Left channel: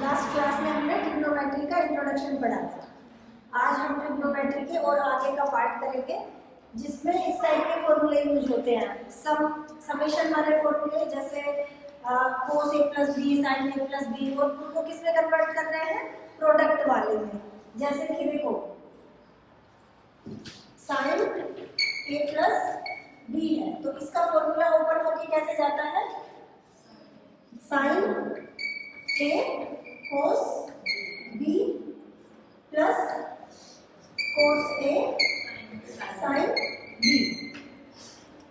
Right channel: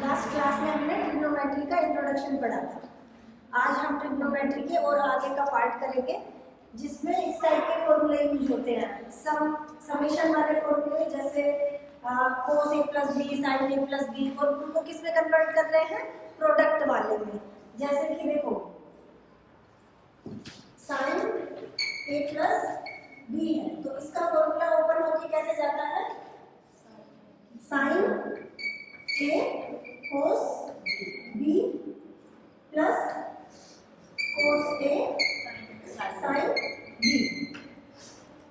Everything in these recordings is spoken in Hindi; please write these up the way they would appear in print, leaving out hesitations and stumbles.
लास्ट क्लास में हमने ट्रिग्नोमेट्री का इंट्रोडक्शन पढ़ा था। आज हम ट्रिग्नोमेट्री के और आगे का पार्ट करेंगे जिसमें इस टाइप के फॉर्मूले यूज होते हैं। समेशन वाले फॉर्मूले जैसे कोस A plus B, sign A plus B, और उनको किस में कन्वर्ट कर रहे हैं? प्रोडक्ट वाले में। जैसे कि देखो साइन ए प्लस बी है तो इसका फॉर्मूला ओपन होके कैसे जाता है? Sign A cos B plus cos A sine B.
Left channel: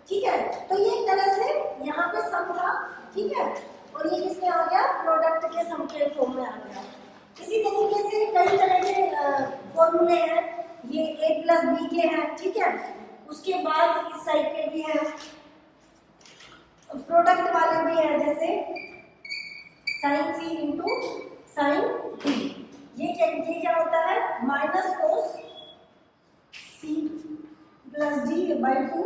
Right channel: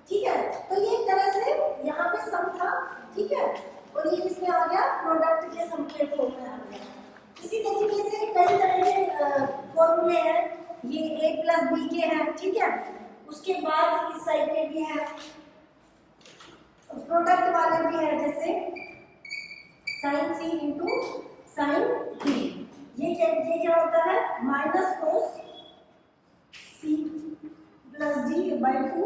ठीक है, तो ये एक तरह से यहाँ पे सम था, ठीक है, और ये किसमें आ गया? प्रोडक्ट के सम के फॉर्म में आ गया। इसी तरीके से कई तरह के फॉर्मूले हैं, ये a प्लस बी के हैं, ठीक है। उसके बाद इस साइड के भी है, प्रोडक्ट वाले भी है, जैसे sine C into sine D. ये क्या होता है? Minus cos C plus D by two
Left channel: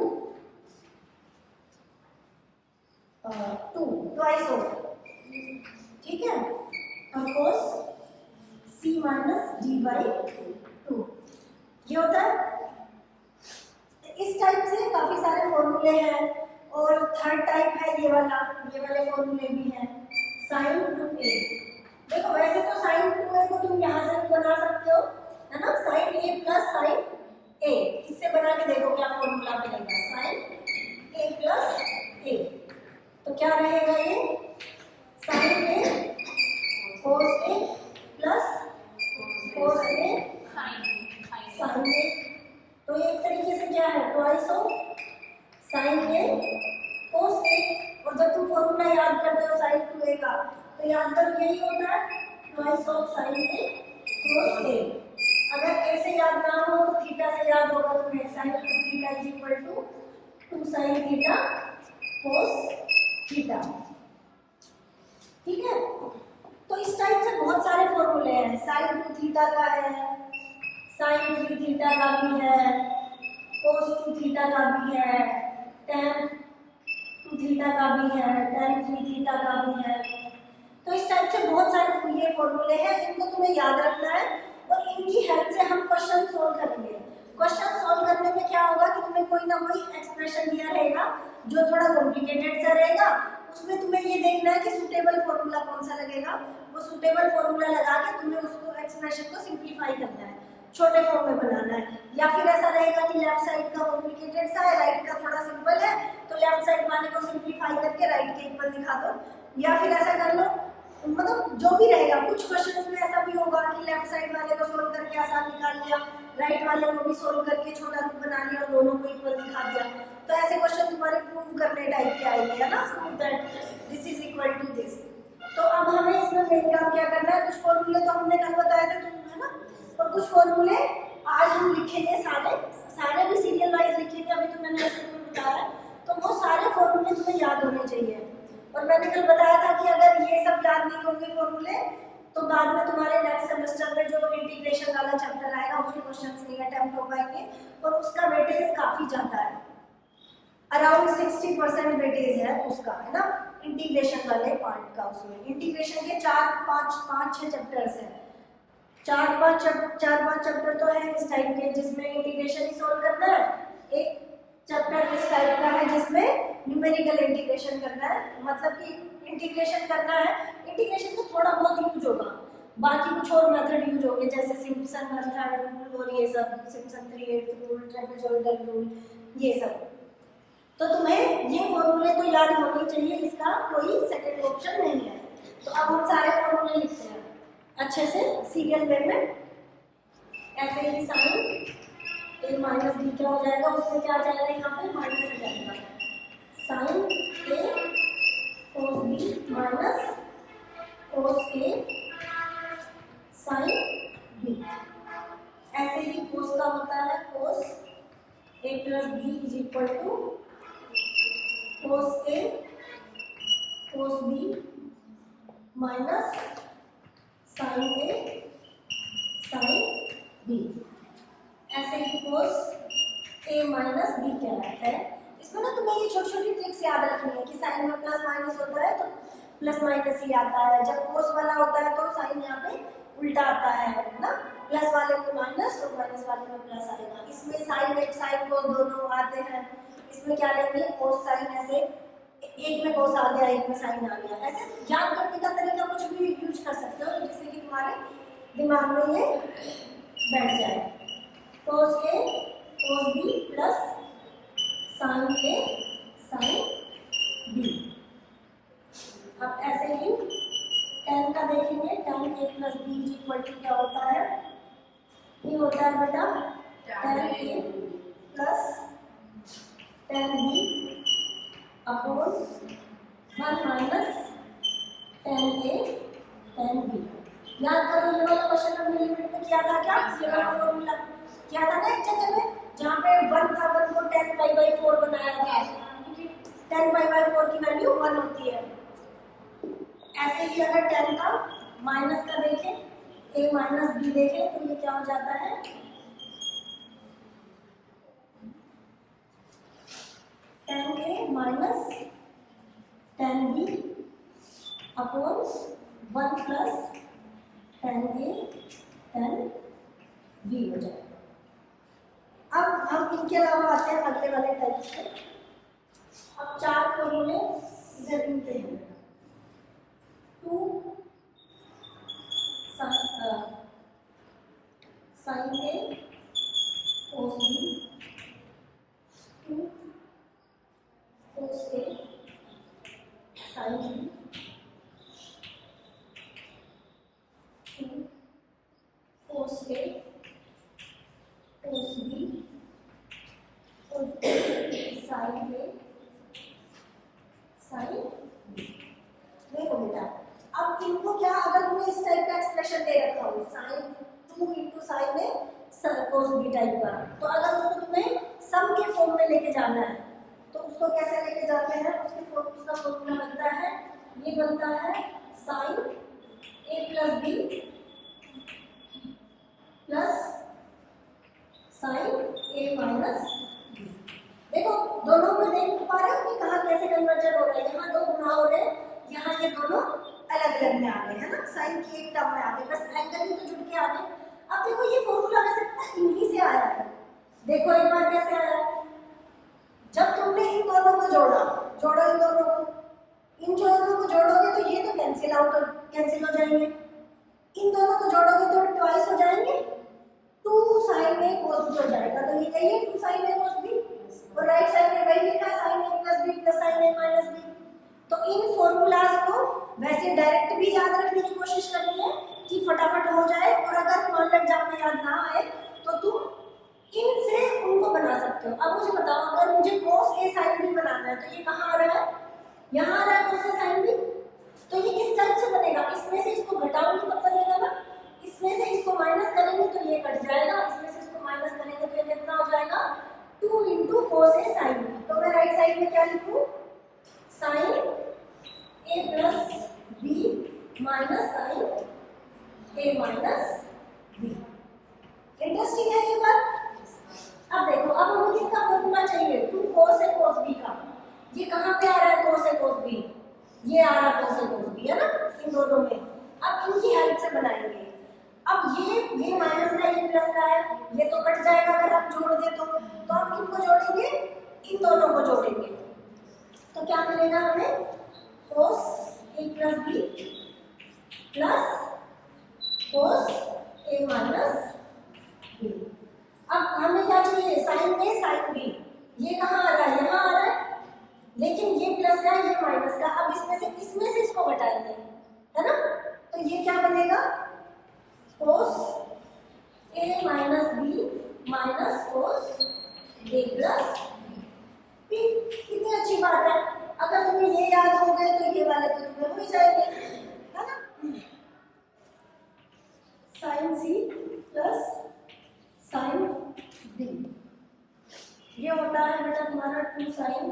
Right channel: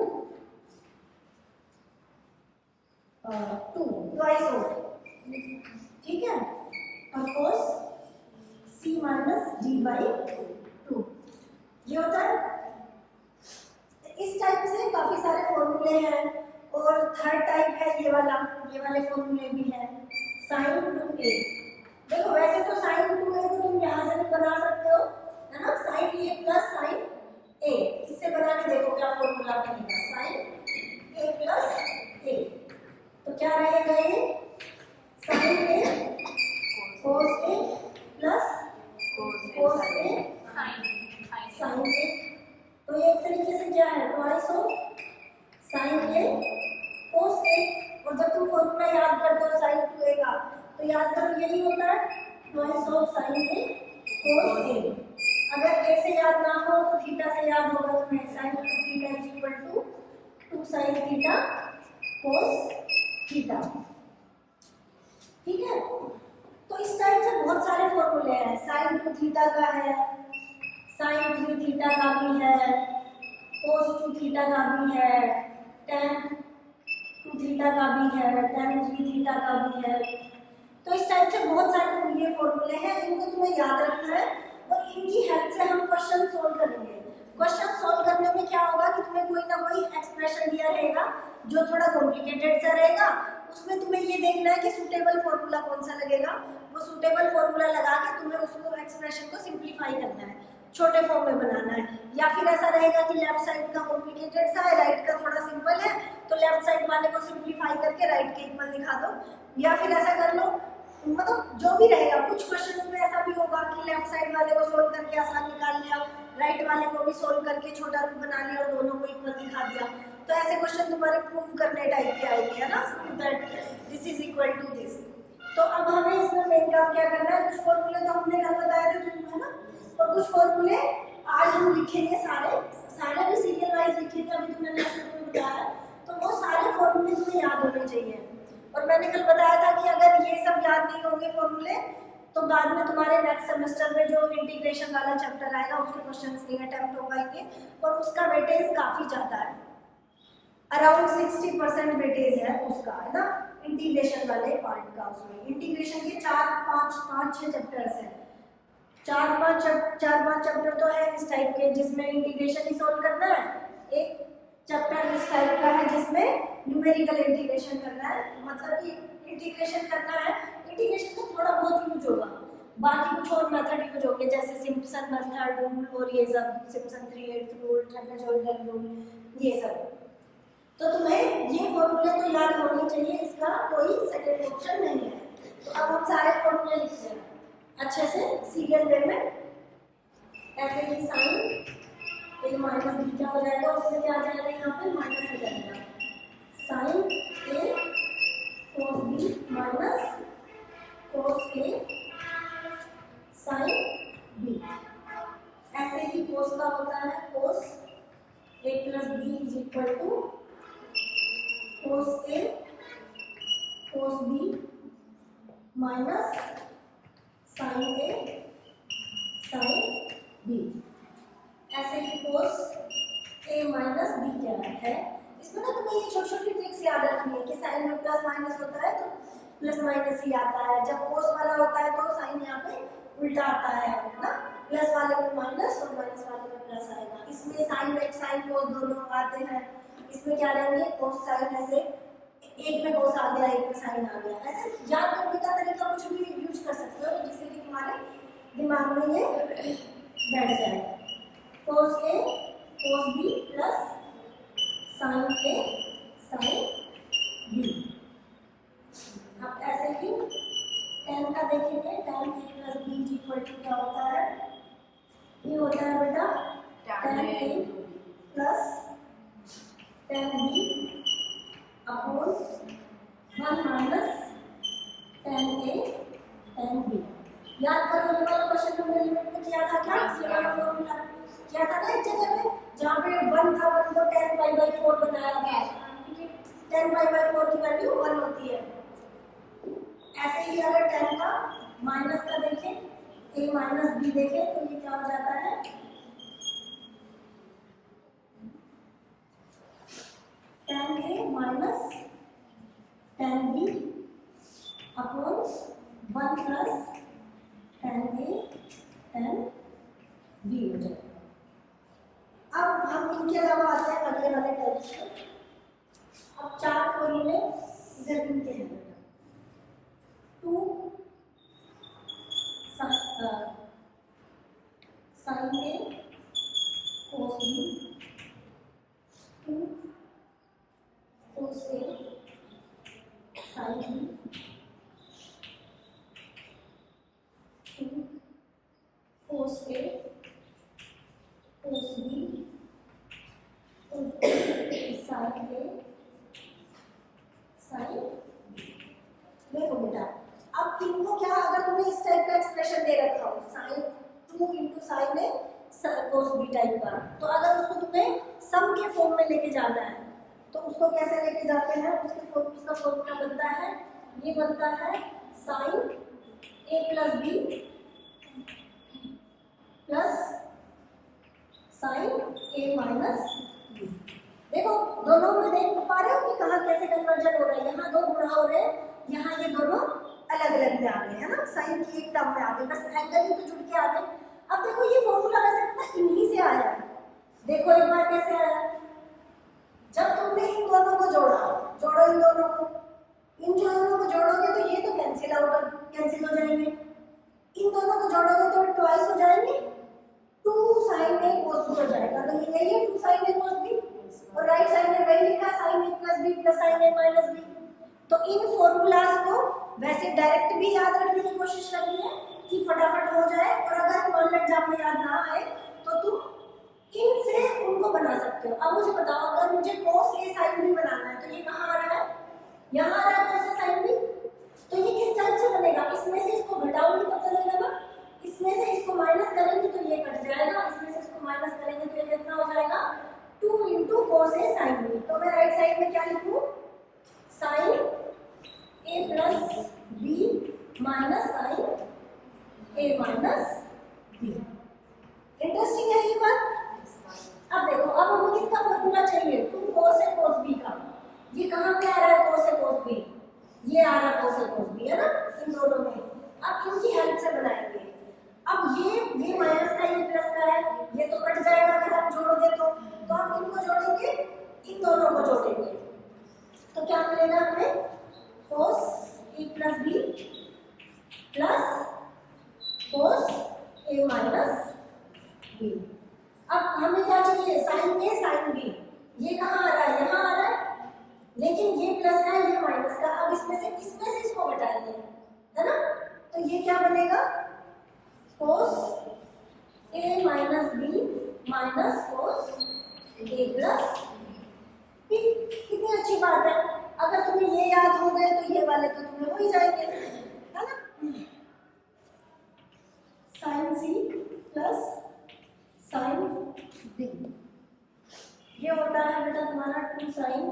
twice of, ठीक है, और cos C minus D by two, ये होता है। इस टाइप से काफी सारे फॉर्मूले हैं। और थर्ड टाइप है ये वाले फॉर्मूले भी हैं, साइन टू ए। देखो वैसे तो साइन टू ए को तुम यहाँ से भी बना सकते हो, है ना, साइन ए प्लस साइन ए। इससे बना के देखो क्या फॉर्मूला बनेगा, साइन ए प्लस ए। तो क्या रहेगा ये? Sign A cos A plus cos A sign ए। तो ये एक तरीके से क्या है? ट्वाइस ऑफ साइन ए कोस ए। और जब तुम फॉर्मूला याद करते हो साइन टू ए का तो याद करो यही होता है, ट्वाइस ऑफ साइन ए कोस ए। अगर ए से याद ना हो तो थीटा से याद होगा तुम्हें, sine two theta is equal to 2 sine theta cos theta, ठीक है। तो इस टाइप से बहुत सारे फॉर्मूले हैं। साइन टू थीटा का है, साइन थ्री थीटा का भी है, कोस टू थीटा का भी है, टेन टू थीटा का भी है, टेन थ्री थीटा का भी है। तो इस टाइप से बहुत सारे ये फॉर्मूले हैं, इनको तुम्हें याद रखना है और इनकी हेल्प से हम क्वेश्चन सॉल्व करेंगे। क्वेश्चन सॉल्व करने में क्या होगा कि तुम्हें कोई ना कोई एक्सप्रेशन दिया रहेगा जो थोड़ा कॉम्प्लिकेटेड सा रहेगा, उसमें तुम्हें ये देखना है कि सूटेबल फॉर्मूला कौन सा लगेगा। वो सूटेबल फॉर्मूला लगा के तुम्हें उसको एक्सप्रेशन को सिंप्लीफाई करना है, छोटे फॉर्म में बनाना है। या फिर ऐसा रहेगा कि लेफ्ट साइड का कॉम्प्लिकेटेड सा है, राइट का थोड़ा सिंपल है, तो लेफ्ट साइड वाले को सिंप्लीफाई करके राइट के इक्वल दिखा दो। या फिर ऐसा कर लो, मतलब जो भी रहेगा। कुछ क्वेश्चंस में ऐसा भी होगा कि लेफ्ट साइड वाले को सोल्व करके आसान निकाल लिया, राइट वाले को भी सोल्व करके छोटा रूप बना लिया और दोनों को इक्वल दिखा दिया। तो ऐसे क्वेश्चन तुम्हारे प्रूव करने टाइप के आएंगे, है ना, that this is equal to this. तो अब हमें इसमें मेन काम क्या करना है? कुछ फॉर्मूले तो हमने कल बताए थे तुम, है ना, और कुछ फॉर्मूले आज हम लिखेंगे। सारे भी सीरियल वाइज लिखे थे, अभी तो मैंने ऐसे तुम्हें बताया। तो वो सारे फॉर्मूले तुम्हें याद होने चाहिए। और मैंने कल बताया था कि अगर ये सब याद नहीं होंगे फॉर्मूले तो बाद में तुम्हारे नेक्स्ट सेमेस्टर में जो इंटीग्रेशन वाला चैप्टर आएगा उसके क्वेश्चंस नहीं अटेम्प्ट हो पाएंगे, और उसका वेटेज काफी ज्यादा है, अराउंड 60% वेटेज है उसका, है ना, इंटीग्रेशन वाले पार्ट का। उसमें इंटीग्रेशन के 4-5-6 चैप्टर्स हैं। 4-5 चैप्टर तो है इस टाइप के जिसमें इंटीग्रेशन ही सॉल्व करना है। एक चैप्टर इस टाइप का है जिसमें न्यूमेरिकल इंटीग्रेशन करना है, मतलब कि इंटीग्रेशन करना है। इंटीग्रेशन का थोड़ा बहुत यूज होगा, बाकी कुछ और मेथड यूज होंगे जैसे सिम्पसन मेथड रूल और ये सब, सिम्पसन 3/8 रूल, ट्रेपेजॉइडल रूल, ये सब। तो तुम्हें ये फॉर्मूले तो याद होने चाहिए, इसका कोई सेकंड ऑप्शन नहीं है। तो अब हम सारे फॉर्मूले लिखते हैं अच्छे से सीरियल वे में। ऐसे ही साइन ए माइनस बी क्या हो जाएगा, उसमें क्या आ जाएगा, यहाँ पे माइनस हो जाएगा, sine A cos B minus cos A sine B. ऐसे ही कोस का होता है cos A plus B is equal to cos A cos B minus sine A sine B. ऐसे ही कोस ए माइनस बी क्या है। इसमें ना तुम्हें ये छोटी छोटी ट्रिक्स याद रखनी है कि साइन में प्लस माइनस होता है तो प्लस माइनस ही आता है, जब कोस वाला होता है तो साइन साइन यहाँ पे उल्टा आता है ना, प्लस वाले में माइनस और माइनस वाले में प्लस आएगा। इसमें साइन एक साइन कोस दोनों आते हैं, इसमें क्या लेंगे कोस साइन, ऐसे एक में कोस आ गया एक में साइन आ गया। ऐसे याद करने का तरीका कुछ भी यूज कर सकते हो जिससे कि तुम्हारे दिमाग में ये बैठ जाए। Cos A cos B plus sine A sine B. अब ऐसे ही tan का देखेंगे, tan a plus B equal to क्या होता है, ये होता है बेटा tan a plus tan b upon 1 minus tan a tan b। याद करो ये वाला क्वेश्चन हमने लिमिट में किया था क्या, ये वाला फॉर्मूला किया था ना एक जगह में जहाँ पे 1 था, 1 को tan पाई बाई 4 बनाया था क्योंकि tan पाई बाई 4 की वैल्यू 1 होती है। ऐसे ही अगर tan का माइनस का देखें, a माइनस बी देखें तो ये क्या हो जाता है, tan a minus tan b upon 1 plus tan a tan b हो जाएगा। अब हम इनके अलावा आते हैं अगले वाले टाइप्स पे। अब 4 फॉर्मूले इधर इनके हैं। 2 sign A cos B, 2 cos A sine B, 2 cos A cos B और साइन ए साइन बी। देखो बेटा अब इनको क्या, अगर तुम्हें इस टाइप का एक्सप्रेशन दे रखा हो sign 2 into sine A cos B type का, तो अगर उसको तुम्हें सम के फॉर्म में लेके जाना है तो उसको कैसे लेके जाते हैं, उसका फॉर्मूला बनता है, ये बनता है साइन ए प्लस बी प्लस साइन ए माइनस बी। देखो दोनों में देख पा रहे हो कि कहाँ कैसे कन्वर्जन हो रहा है, यहाँ 2 गुणा हो रहे हैं, यहाँ ये दोनों अलग अलग में आ गए है ना, साइन की एक टर्म में आ गए, बस एंगल ही तो जुड़ के आ गए। अब देखो ये फॉर्मूला वैसे ना इन्हीं से आया है, देखो एक बार कैसे आया है, जब तुमने इन दोनों को जोड़ा, जोड़ो इन दोनों को, इन दोनों को जोड़ोगे तो ये तो कैंसिल आउट कैंसिल हो जाएंगे, इन दोनों को जोड़ोगे तो ट्वाइस हो जाएंगे, 2 साइन ए कोस बी हो जाएगा, तो ये यही है 2 साइन ए कोस बी, और राइट साइड में वही लिखा है साइन ए प्लस बी प्लस साइन ए माइनस बी। तो इन फॉर्मूलाज को वैसे डायरेक्ट भी याद रखने की कोशिश करनी है कि फटाफट हो जाए, और अगर मान एग्जाम में याद ना आए तो तुम इनसे उनको बना सकते हो। अब मुझे बताओ अगर मुझे cos a sin b बनाना है तो ये कहाँ आ रहा है, यहाँ आ रहा है cos a sin b, तो ये किस टाइप से बनेगा, इसमें से इसको घटाऊंगी तब बनेगा ना, इसमें से इसको माइनस करेंगे तो ये कट जाएगा, इसमें से इसको माइनस करेंगे तो ये कितना हो जाएगा 2 into cos a sin b। तो मैं राइट साइड में क्या लिखूँ, sine a plus B minus sine a minus B. Interesting है ये बात। अब देखो अब हमें किसका फॉर्मूला चाहिए, 2 cos a cos b का, ये कहाँ पे आ रहा है cos a cos b, ये आ रहा है cos a cos b है ना इन दोनों में। अब इनकी हेल्प से बनाएंगे, अब ये माइनस का ये प्लस का है, ये तो कट जाएगा अगर हम जोड़ दे तो हम किनको जोड़ेंगे, इन दोनों को जोड़ेंगे, तो क्या मिलेगा हमें cos a plus b plus cos a minus b। अब हमें क्या चाहिए, साइन ए साइन बी, ये कहाँ आ रहा है, यहाँ आ रहा है, लेकिन ये प्लस का है ये माइनस का, अब इसमें से इसको घटाएंगे है ना, तो ये क्या बनेगा cos a minus B minus cos a plus B. कितनी अच्छी बात है, अगर तुम्हें ये याद हो गए तो ये वाले तो तुम्हें हो ही जाएंगे है ना। Sine C plus sine D, ये होता है बेटा तुम्हारा 2 sine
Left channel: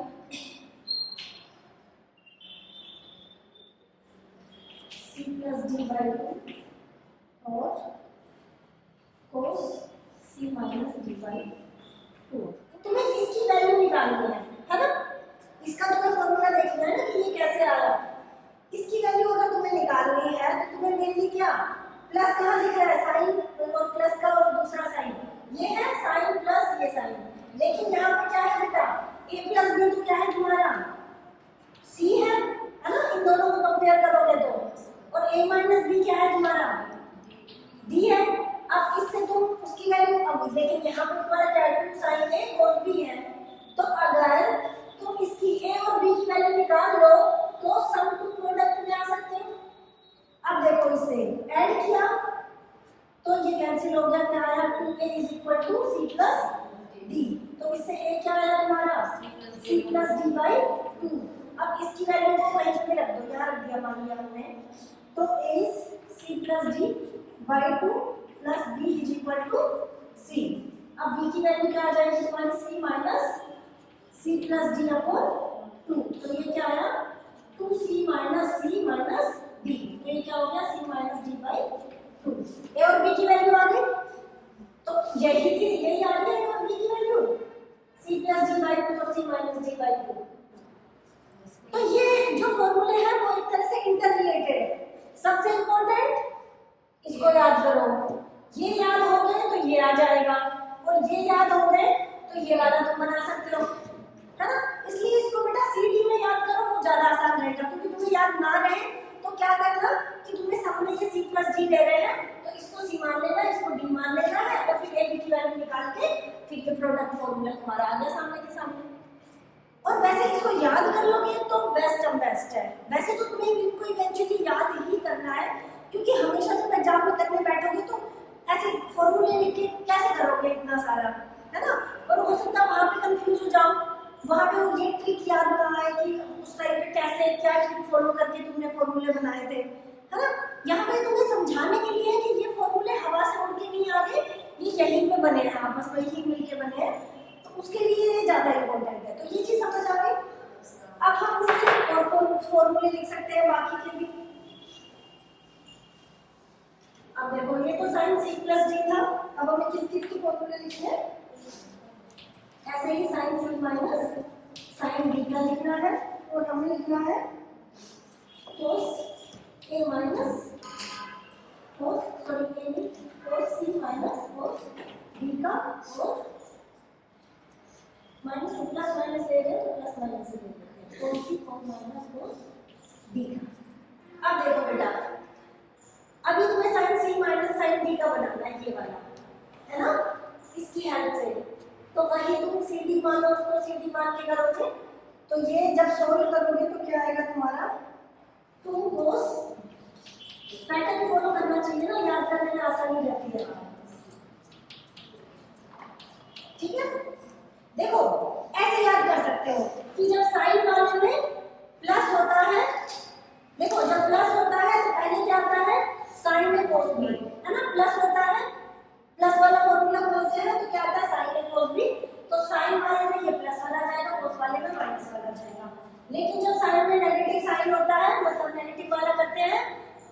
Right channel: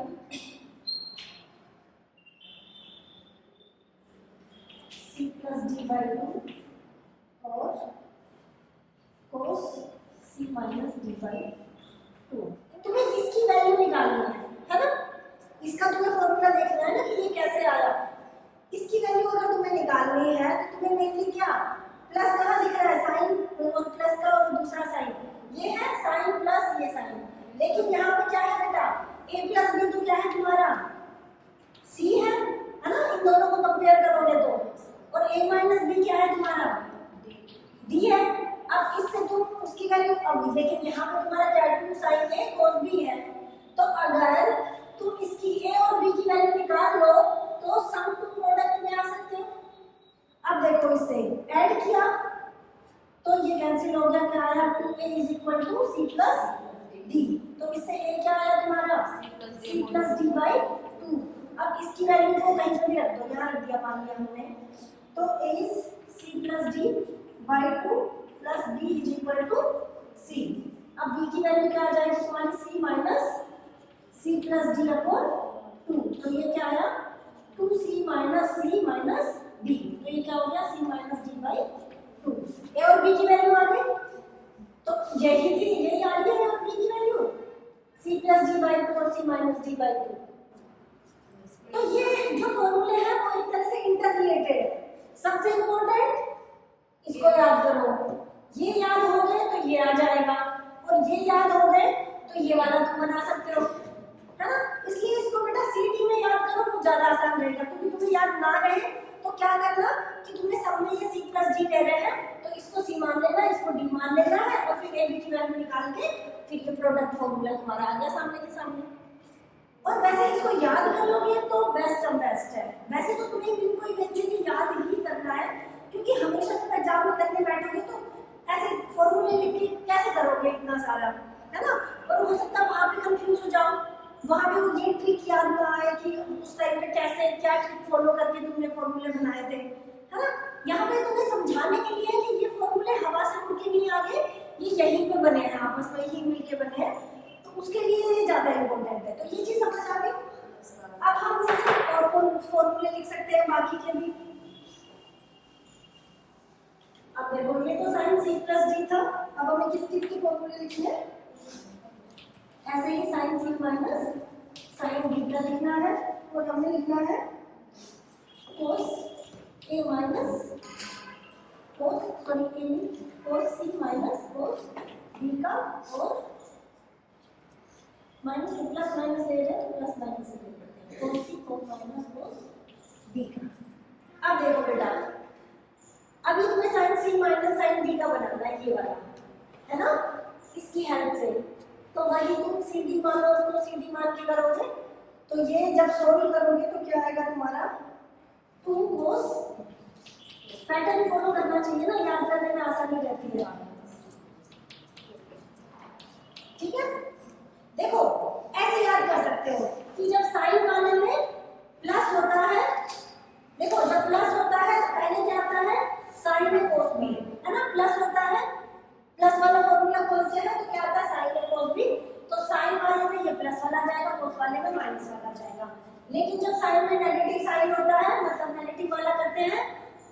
C plus D by 2 और cos C minus D by 2। तुम्हें इसकी वैल्यू निकालनी है ना, इसका तुम्हें फॉर्मूला देखना है ना कि ये कैसे आया, इसकी वैल्यू अगर तुम्हें निकालनी है तो तुम्हें मेनली क्या प्लस कहाँ लिख रहा है साइन और प्लस का और दूसरा साइन ये है साइन प्लस ये साइन, लेकिन यहाँ पे क्या है बेटा a प्लस बी तो क्या है तुम्हारा c है ना, इन दोनों को कंपेयर करोगे तो, और a माइनस बी क्या है तुम्हारा d है। अब इससे तुम उसकी वैल्यू अब लेकिन यहाँ पे तुम्हारा क्या है 2 साइन a cos b है, तो अगर तुम इसकी a और b की वैल्यू निकाल लो तो सम टू प्रोडक्ट में आ सकते हो। अब देखो इसे ऐड किया तो ये कैंसिल हो गया, क्या आया 2a is equal to c plus d, तो इससे a क्या आया तुम्हारा c प्लस d बाई 2। अब इसकी वैल्यू को कहीं पे भी रख दो, यहाँ रख दिया मान लिया हमने, तो a is c plus d by 2 plus b is equal to c। अब b की वैल्यू क्या आ जाएगी तुम्हारी c minus c plus d upon 2, तो ये क्या आया 2c minus c minus d, ये क्या हो गया c minus d by 2। a और b की वैल्यू आ गई, तो यही थी यही आ रही है और b की value c plus d by 2 और c माइनस d बाई 2। तो ये जो फॉर्मूले हैं वो एक तरह से इंटररिलेटेड है। सबसे इंपॉर्टेंट इसको याद करो, ये याद हो गए तो ये आ जाएगा, और ये याद हो गए तो ये वाला तुम बना सकते हो, है ना। इसलिए इसको बेटा सीडी में याद करो, वो ज्यादा आसान रहेगा, क्योंकि तुम्हें याद ना रहे तो क्या करना कि तुम्हें सब में ये c प्लस d दे रहे हैं तो इसको c मान लेना, इसको d मान लेना है, और फिर a b की वैल्यू निकाल के फिर ये प्रोडक्ट फॉर्मूला तुम्हारा आ गया सामने के सामने। और वैसे इसको याद कर लोगे तो बेस्ट ऑफ बेस्ट है। वैसे तो तुम्हें इनको इवेंचुअली याद ही करना है, क्योंकि हमेशा जब एग्जाम में करने बैठोगे तो ऐसे फॉर्मूले लिख के कैसे करोगे इतना सारा, है ना। और हो सकता है वहाँ पे कंफ्यूज हो जाओ, वहाँ पे वो ये ट्रिक याद ना आए कि उस टाइम पे कैसे क्या ट्रिक फॉलो करके तुमने फॉर्मूले बनाए थे, है ना। यहाँ पे तुम्हें समझाने के लिए है कि ये फॉर्मूले हवा से उड़ के नहीं आ गए, ये यहीं पे बने हैं, आपस में ही मिल के बने हैं, तो उसके लिए ये ज़्यादा इम्पोर्टेंट है। तो ये चीज़ समझ आ गई। अब हम इससे और फॉर्मूले लिख सकते हैं बाकी के भी। अब देखो ये तो साइन c प्लस d था, अब हमें किस चीज़ के फॉर्मूले लिखने हैं, ऐसे ही sine c minus sine d का लिखना है, और हमें लिखना है cos a minus cos c minus cos d का, और माइनस टू प्लस माइनस ए है तो प्लस माइनस ए करते हैं, cos c cos minus cos d का। अब देखो बेटा अभी तुम्हें sine c minus sine d का बनाना है, ये वाला है ना, इसकी हेल्प से। तो वही तुम सी डी मान लो, उसको सी डी मान के करोगे तो ये जब सोल्व करोगे तो क्या आएगा तुम्हारा 2 cos, पैटर्न फॉलो करना चाहिए ना, याद करने में आसानी रहती है। ठीक है, देखो ऐसे याद कर सकते हो कि जब साइन वाले में प्लस होता है, देखो जब प्लस होता है तो पहले क्या आता है साइन ए कोस बी, है ना, प्लस होता है, प्लस वाला फॉर्मूला खोलते हैं तो क्या आता है साइन ए कोस बी, तो साइन वाले में ये प्लस वाला जाएगा, कोस वाले में माइनस वाला जाएगा। लेकिन जब साइन में नेगेटिव साइन होता है, मतलब नेगेटिव वाला करते हैं,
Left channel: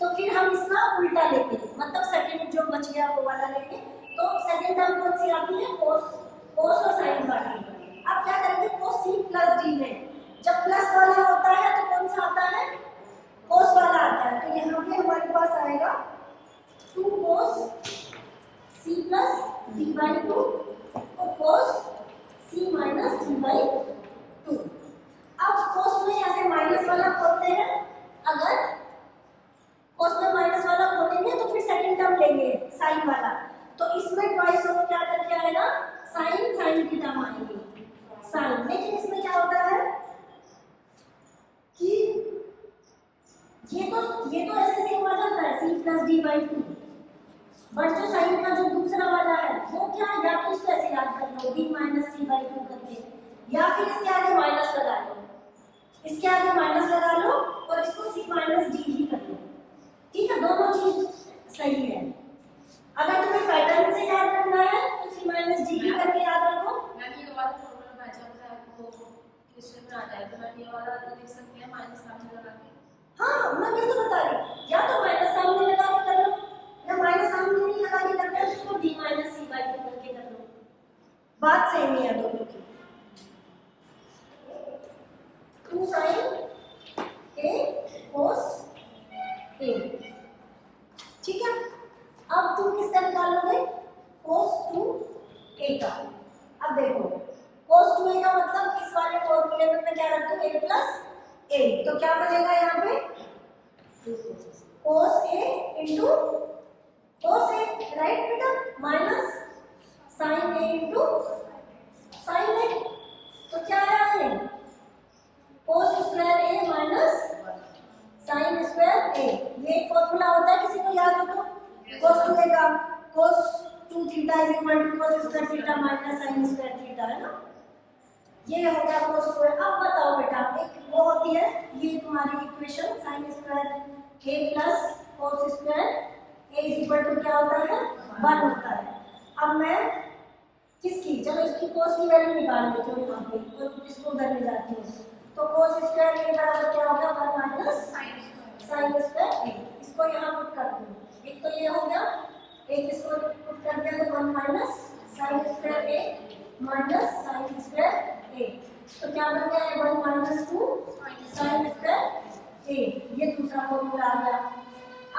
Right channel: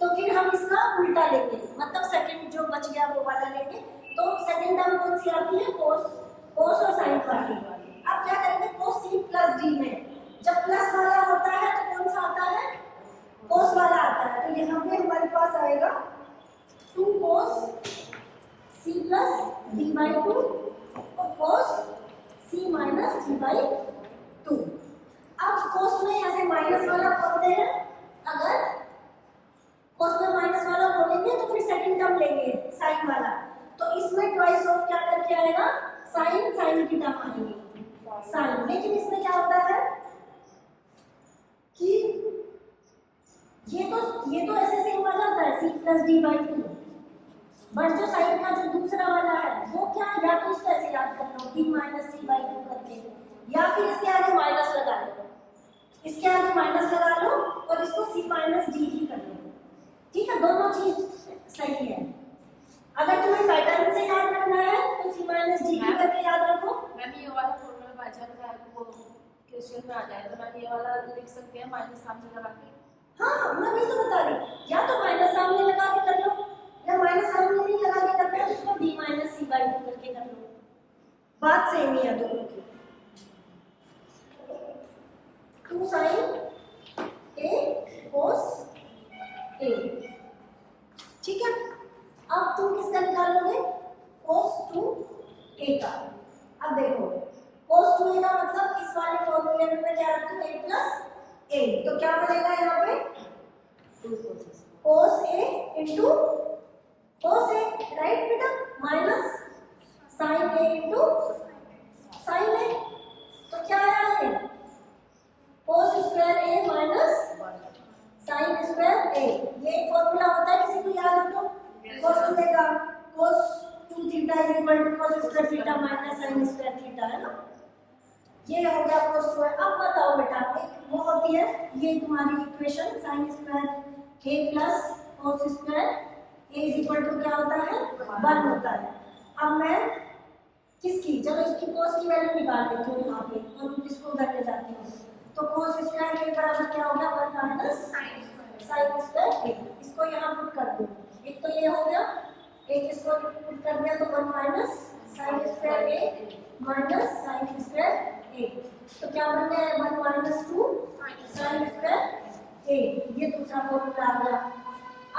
तो फिर हम इसका उल्टा लेंगे, मतलब सेकंड जो बच गया वो वाला लेंगे। तो सेकंड टर्म कौन सी आती है कोस और साइन वाली। अब क्या करेंगे कोस सी प्लस डी में जब प्लस वाला होता है तो कौन सा आता है कोस वाला आता है, तो यहाँ पे हमारे पास आएगा 2 cos c plus d by 2 और cos c minus d by 2। अब cos में ऐसे माइनस वाला खोलते हैं, अगर cos में माइनस वाला खोलेंगे तो फिर सेकंड टर्म लेंगे साइन वाला, तो इसमें ट्वाइस ऑफ क्या करके आएगा साइन साइन की टर्म आएगी साइन। लेकिन इसमें क्या होता है कि ये तो ऐसे सेम आ जाता है c plus d by 2, but जो साइन का जो दूसरा वाला है वो क्या, या तो इसको ऐसे याद कर लो d माइनस c बाई 2 करके, या फिर इसके आगे माइनस लगा लो, इसके आगे माइनस लगा लो और इसको c माइनस d ही कर लो। ठीक है, दोनों चीज सही है। अगर तुम्हें पैटर्न से याद करना है तो c माइनस d ही करके याद रखो। मैम ये वाला फॉर्मूला बाय चांस आपको क्वेश्चन में आ जाए तो मैम ये वाला लिख सकते हैं माइनस सामने लगा के। हाँ मैं भी तो बता रही, या तो माइनस सामने लगा के कर लो, या माइनस सामने नहीं लगा के करते हैं तो उसको d माइनस c बाई 2 करके कर लो, बात सेम ही है दोनों की। 2 sin a cos ठीक है, अब तुम किसका निकालोगे, cos 2a का। अब देखो cos 2a का मतलब इस वाले फॉर्मूले में मैं क्या रखूं, a प्लस a, तो क्या बनेगा यहाँ पे cos a into cos a, right बेटा, minus sin a into sin a, तो क्या आया है cos square a minus sin square a। ये एक फॉर्मूला होता है, किसी को याद हो तो, cos 2a का cos 2 theta is equal to cos square theta minus sin square theta, है ना, ये हो गया cos स्क्वायर। अब बताओ बेटा, एक वो होती है ये तुम्हारी equation sin square a plus cos square a is equal to क्या होता है 1 होता है। अब मैं किसकी, चलो इसकी cos की वैल्यू निकाल लेती हूँ यहाँ पे और इसको उधर ले जाती हूँ, तो cos स्क्वायर a बराबर क्या हो गया 1 माइनस sin स्क्वायर a, इसको यहाँ पुट कर दूँ, एक तो ये हो गया, एक इसको पुट कर दिया तो 1 minus sin square a minus sin square a, तो क्या बन गया है 1 माइनस 2 sin स्क्वायर a, ये दूसरा फॉर्मूला आ गया।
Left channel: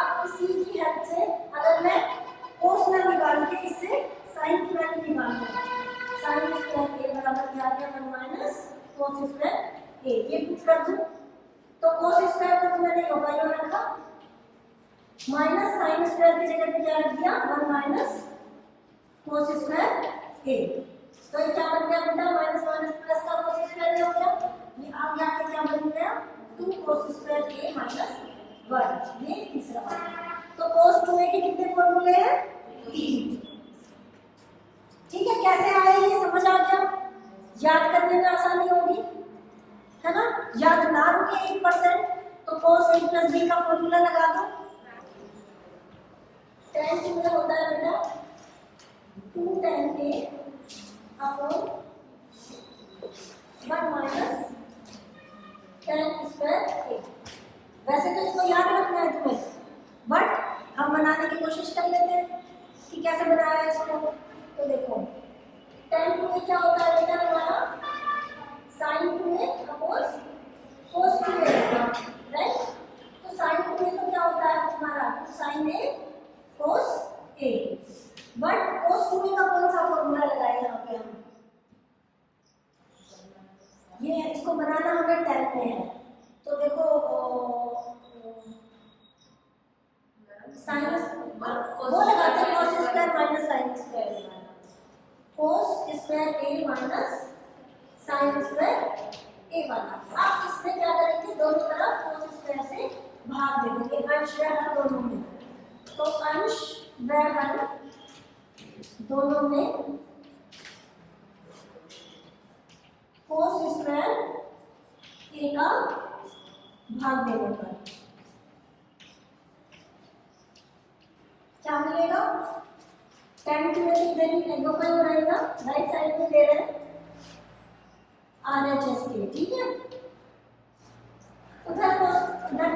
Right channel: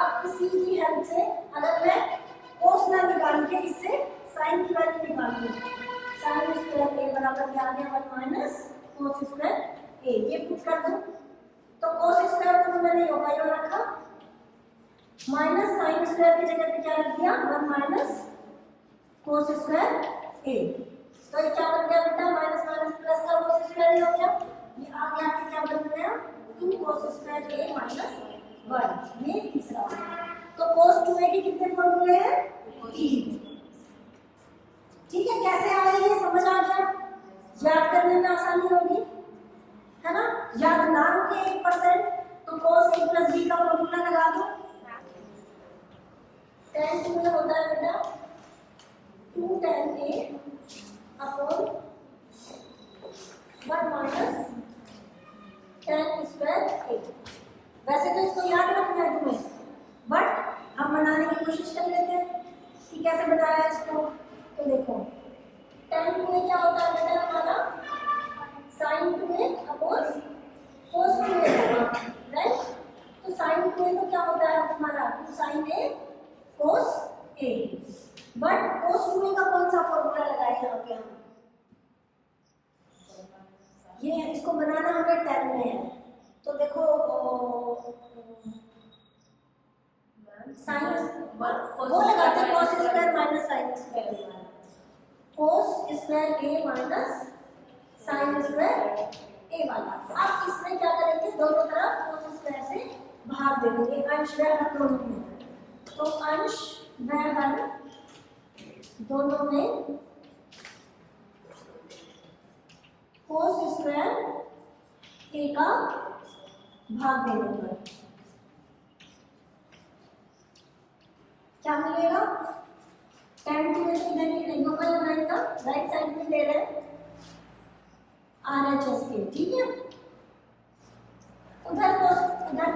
अब इसी की हेल्प से अगर मैं cos ना निकाल के इससे sin की वैल्यू निकाल लूँ, sin स्क्वायर a बराबर क्या आ गया 1 माइनस cos स्क्वायर a, ये पुट कर दूँ तो cos स्क्वायर को मैंने योगायोग रखा, माइनस sin स्क्वायर की जगह पे क्या रख दिया 1 माइनस cos स्क्वायर a, तो ये क्या बन गया बेटा माइनस माइनस प्लस का cos स्क्वायर हो गया, ये आगे आके क्या बन गया 2 cos स्क्वायर a माइनस 1, ये तीसरा। तो cos 2a के कितने फॉर्मूले हैं 3, ठीक है, कैसे आए ये समझ आ गया, याद करने में आसानी होगी, है ना, याद ना रुके 1%, तो cos a प्लस b का फॉर्मूला लगा दो, tan 2 में होता है बेटा 2 tan a upon 1 minus tan square a। वैसे तो इसको याद रखना है तुम्हें, बट हम बनाने की कोशिश कर लेते हैं कि कैसे बनाया है इसको। तो देखो tan 2a क्या होता है बेटा हमारा sin 2a upon cos 2a, right, तो sin 2a तो क्या होता है हमारा sin a cos a, but cos 2a का कौन सा फॉर्मूला लगाए यहाँ पे हम, ये इसको बनाना हमें 10 में है, तो देखो साइन वो लगाते हैं cos square minus sin square, cos square a minus sin square a वाला। अब इसमें क्या करेंगे दोनों तरफ cos स्क्वायर से भाग दे देंगे, अंश व हर दोनों में, तो अंश व हर दोनों में cos स्क्वायर a का भाग दे देंगे, क्या मिलेगा tan 2a तो इधर ही योगा ही बनाएगा, राइट साइड में दे रहे हैं RHS के, ठीक है, उधर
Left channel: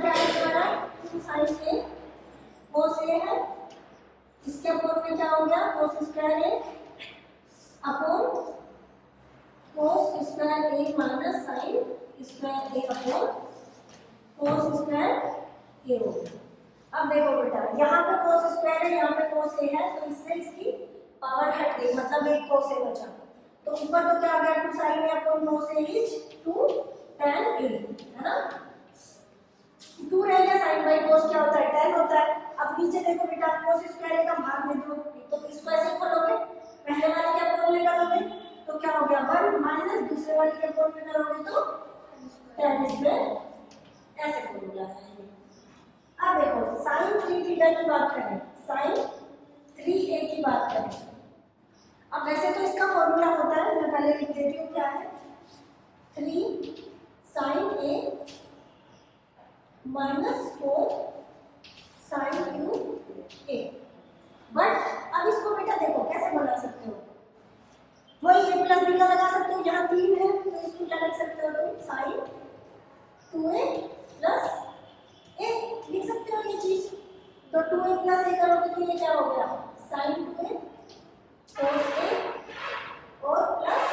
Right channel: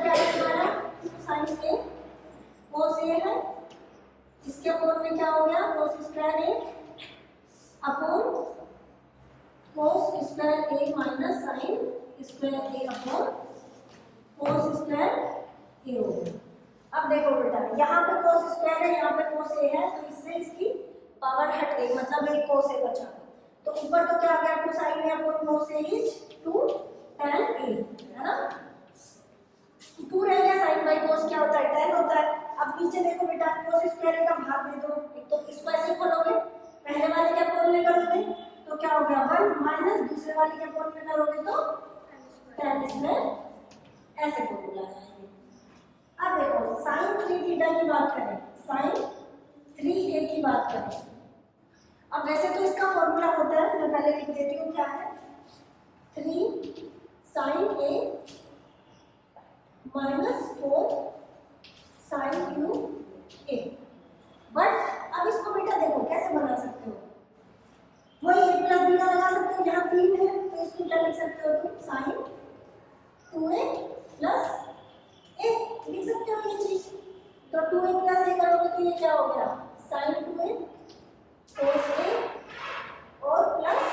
क्या है हमारा 2 sin a cos a है, इसके अपोन में क्या हो गया cos square a upon cos square a minus sin square a upon cos square a हो गया। अब देखो बेटा यहाँ पे cos स्क्वायर है, यहाँ पे cos a है, तो इससे इसकी पावर हट गई, मतलब एक cos a बचा, तो ऊपर तो क्या आ गया 2 sin a upon cos a is 2 tan a, है ना, 2 रह गया, sin बाई cos क्या होता है tan होता है। अब नीचे देखो बेटा cos स्क्वायर a का भाग दे दो, तो इसको ऐसे खोलोगे, पहले वाले के अपोन में करोगे तो क्या हो गया 1 माइनस दूसरे वाले के अपोन में करोगे तो tan स्क्वायर, ऐसे फॉर्मूला है। अब देखो sin 3 थीटा की बात करें, sin 3a की बात करें, अब वैसे तो इसका फॉर्मूला होता है, मैं पहले लिख देती हूँ क्या है 3 sin a minus 4 sin cube a, but अब इसको बेटा देखो कैसे बना सकते हो, वही a प्लस b का लगा सकते हो, यहाँ 3 है तो इसको क्या लिख सकते हो तुम sin 2a प्लस a लिख सकते हो ये चीज, तो 2a प्लस a करोगे तो ये क्या हो गया sin 2a cos a और plus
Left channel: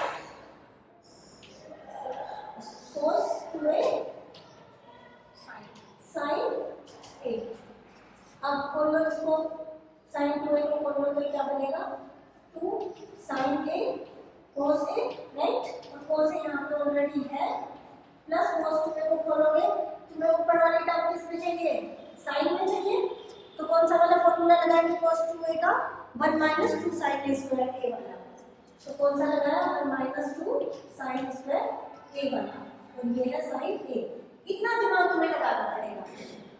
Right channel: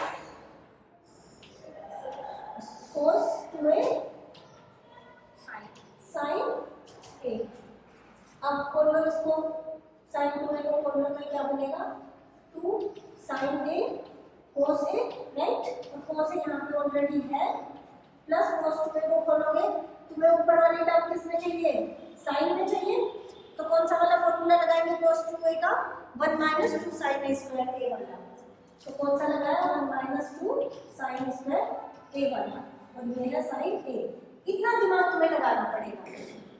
cos 2a sin a। अब खोल लो इसको, sin 2a को खोल लो तो क्या बनेगा 2 sin a cos a, right. और cos a यहाँ पे ऑलरेडी है, प्लस cos 2a को खोलोगे, तुम्हें ऊपर वाली टर्म किस में चाहिए, sin में चाहिए, तो कौन सा वाला फॉर्मूला लगाएंगे cos 2a का, 1 minus 2 sin a square a वाला। तो कौन सा लगाया 1 माइनस 2 sin स्क्वायर a वाला, और ये है sin a। इतना दिमाग तुम्हें लगाना पड़ेगा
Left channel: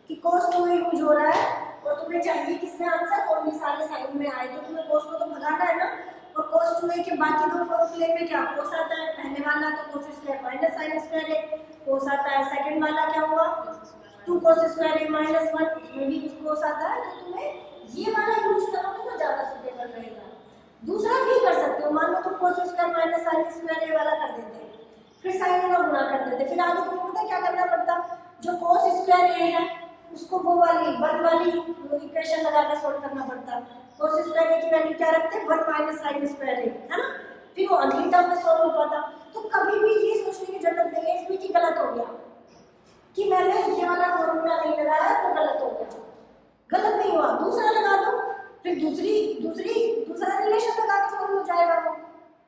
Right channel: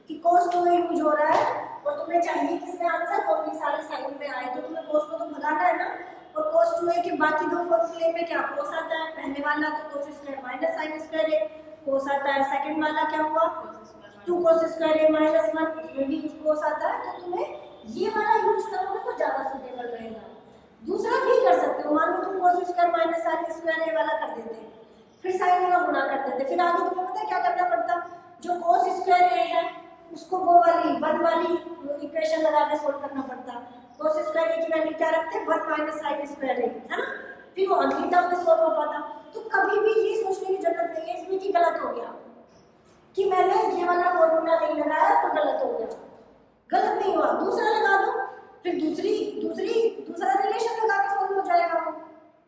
कि cos 2a यूज हो रहा है और तुम्हें चाहिए किसमें आंसर, ओनली सारे साइन में आए, तो तुम्हें cos को तो भगाना है ना। और cos 2a के बाकी दो फॉर्मूले में क्या cos आता है, पहले वाला तो cos square minus sin square a, cos आता है, सेकंड वाला क्या हुआ 2 cos स्क्वायर a माइनस 1, उसमें भी cos आता है। तो तुम्हें ये वाला यूज करोगे तो ज़्यादा सूटेबल रहेगा। दूसरा भी कर सकते हो, मान लो तुम cos square minus sin square a वाला कर देते, फिर sin वाला गुना कर देते, फिर आगे तुम्हें पता है क्या करना पड़ता, जो cos स्क्वायर a है उसको वो वाली 1 वाली इक्वेशन लगा के सोल्व करना पड़ता। cos स्क्वायर a की वैल्यू क्या रखते हैं 1 माइनस sin स्क्वायर a, है ना, फिर वो अगली टर्म में सोल्व हो पाता। तो कभी भी ये सोचने की जरूरत नहीं है इसमें कि गलत हो गया, कि मैंने ये वाला फॉर्मूला नहीं लगाया तो गलत हो गया, गलत नहीं हुआ, दूसरा लगा दो, फिर दूसरा रिलेशन लगा के सोल्व हो जाएगा वो।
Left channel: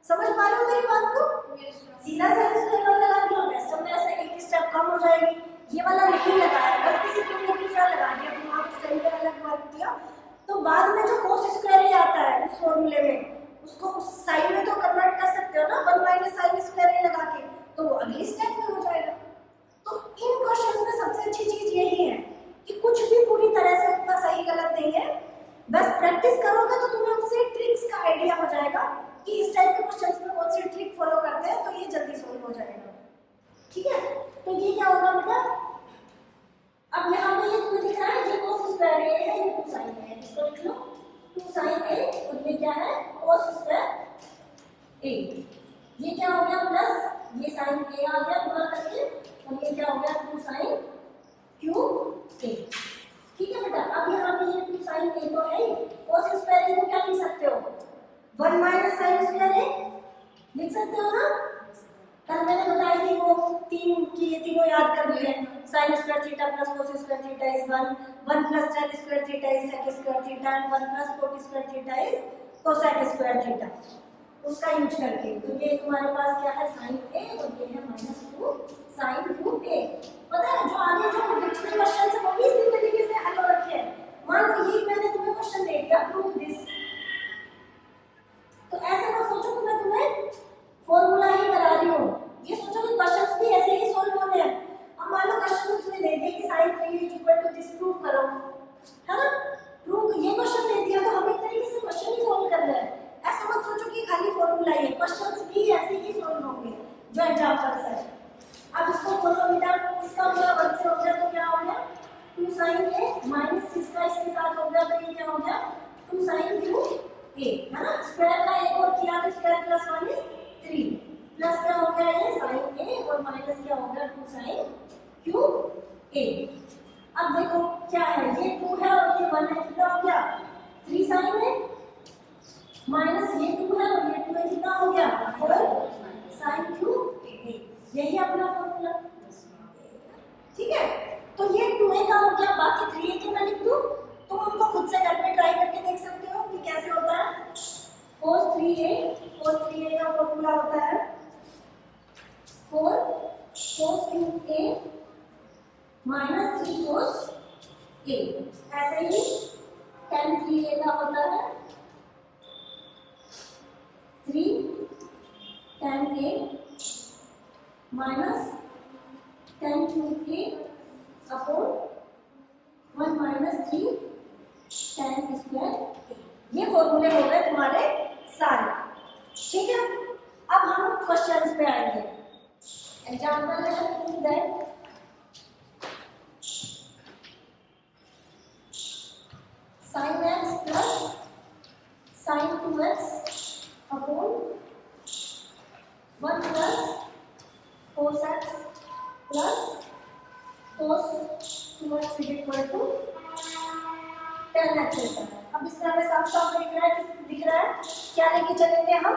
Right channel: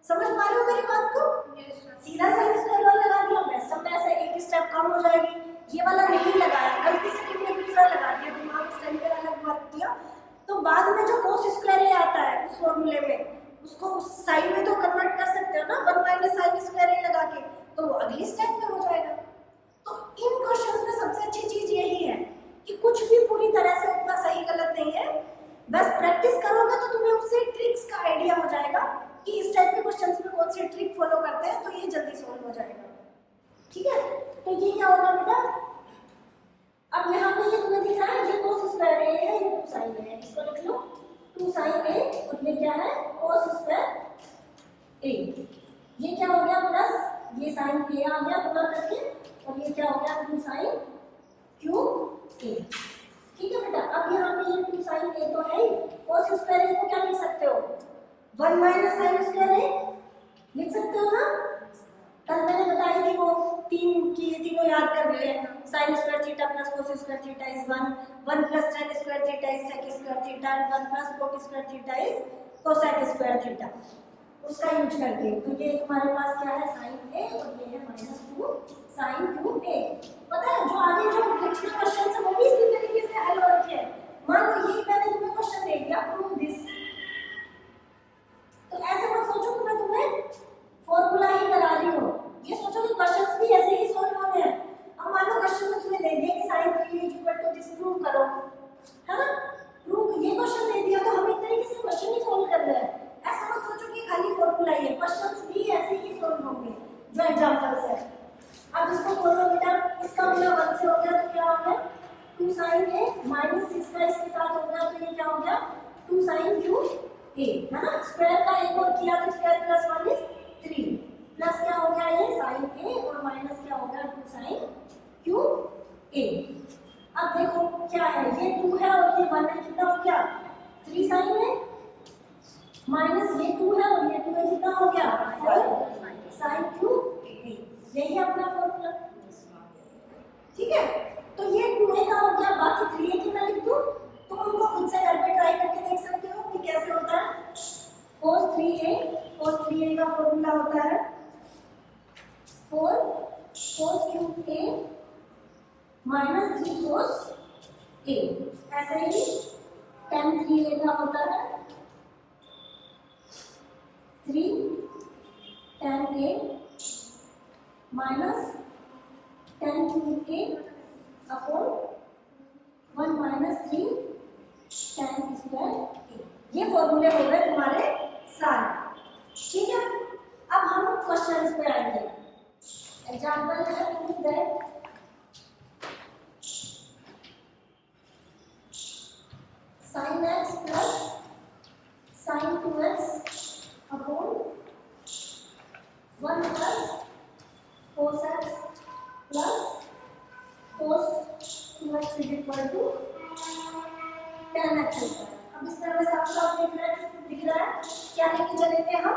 समझ पा रहे हो मेरी बात को, सीधा sin स्क्वायर वाला लगा दिया, बेस्ट ऑफ बेस्ट एक स्टेप कम हो जाएगी। ये वाला नहीं लगाया, गलती से तुमने दूसरा लगा दिया, दिमाग उस टाइम पे अलग वर्क किया, तो बाद में जो cos स्क्वायर a आता है उस फॉर्मूले में, उसको उस साइन में तो कन्वर्ट कर सकते हो ना 1 माइनस sin स्क्वायर a लगा के, तो वो अगली स्टेप में हो जाएगा। तो इन क्वेश्चंस में सबसे अच्छी चीज यही है कि कुछ भी पूरी तरह से उतना सही गलत नहीं है, बस प्रैक्टिस करोगे तो तुम्हें उससे ट्रिक्स का आइडिया हो जाएगा कि इस टाइप के क्वेश्चंस में कौन सी ट्रिक फॉलो करते हैं, तो ये जल्दी सॉल्व हो जाएगा। ठीक है, तो ये क्या होगा बेटा, अब यहाँ पे ये तुम्हें दिख रहा है ये cos स्क्वायर a है, ये 2 sin a है, इसको लिख लो 2 sin a, और ये क्या है cos स्क्वायर a। ये क्या हो गया प्लस ये sin a आ गया गुना करके, और ये क्या हो गया 2 sin cube a। ठीक है बेटा, अब यहाँ पे ये 2 sin a तो है ही, cos स्क्वायर a को क्या लिख सकते हो 1 माइनस sin स्क्वायर a लिख सकते हो ना। कल मैंने बताई थी वो तीन की, ये तीनों याद कर लिए, sin square theta plus cos square theta is 1 plus tan square theta is sec square theta, and 1 plus cot square theta is cosec square theta, उसका यूज करके। तो ये तुम्हारे पास क्या है sin a, और ये है -2 sin cube a। पता है जो आगे जो डिक्शनरी क्वेश्चन है वो भी इसी तरीके से हल हो रखे हैं। मान लो ये मैंने तुम्हें क्वेश्चन दे दिया प्रूव दिस, तो ऐसे मत सोचो कि मैं तुम्हें फॉर्मूला ही करा रही हूँ, ये सोचो कि क्वेश्चंस भी ऐसे ही सॉल्व होने हैं। अब मान लो क्वेश्चन में तुम्हें दे दिया कि sin 3 is equal to this, prove करो, है ना, प्रूव, ये क्वेश्चन दे दिया तो हम एक तरीके से क्वेश्चन ही सॉल्व कर रहे हैं। ऐसा मत सोचो कि खाली फॉर्मूला ही है, क्वेश्चंस भी ऐसे ही सॉल्व होंगे जो एग्जांपल्स है। अब इसको खोलो बेटा, इसका मतलब 1 से हो गया तो क्या हो गया 2 sin a माइनस इसका इसके साथ हो गया तो ये क्या हो गया 2 sin cube a, है ना, स्क्वायर का एक और किया तो स्क्वायर प्लस 1 इज 3, प्लस क्या हो गया ये sin a, और माइनस क्या हो गया 2 sin cube a। अब देखो क्या है, ये 2 है और ये 1 है, कितना हो गया 3 sin a, माइनस ये 2 है और ये 2 है, कितना हो गया 4 sin cube a। यही अपना फॉर्मूला, ठीक है। तो ये 2a का हो गया, बाकी 3a के मैं लिख दूं, तुम उनको खुद से घर पे ट्राई करके देख सकते हो कि कैसे होता है। cos 3a का फॉर्मूला होता है 4 cos cube a minus 3 cos a। ऐसे ही tan 3a का होता है 3 tan a minus tan cube a upon 1 minus 3 tan square a। ये फॉर्मूले हो गए तुम्हारे सारे, ठीक है। अब हम क्वेश्चंस पे आएंगे। एग्जांपल है that sin x plus sin 2x upon 1 plus cos x plus cos 2x is equal to tan x होता है। अब इस तरह में साफ साफ दिख रहा है क्या लेके चलेंगे हम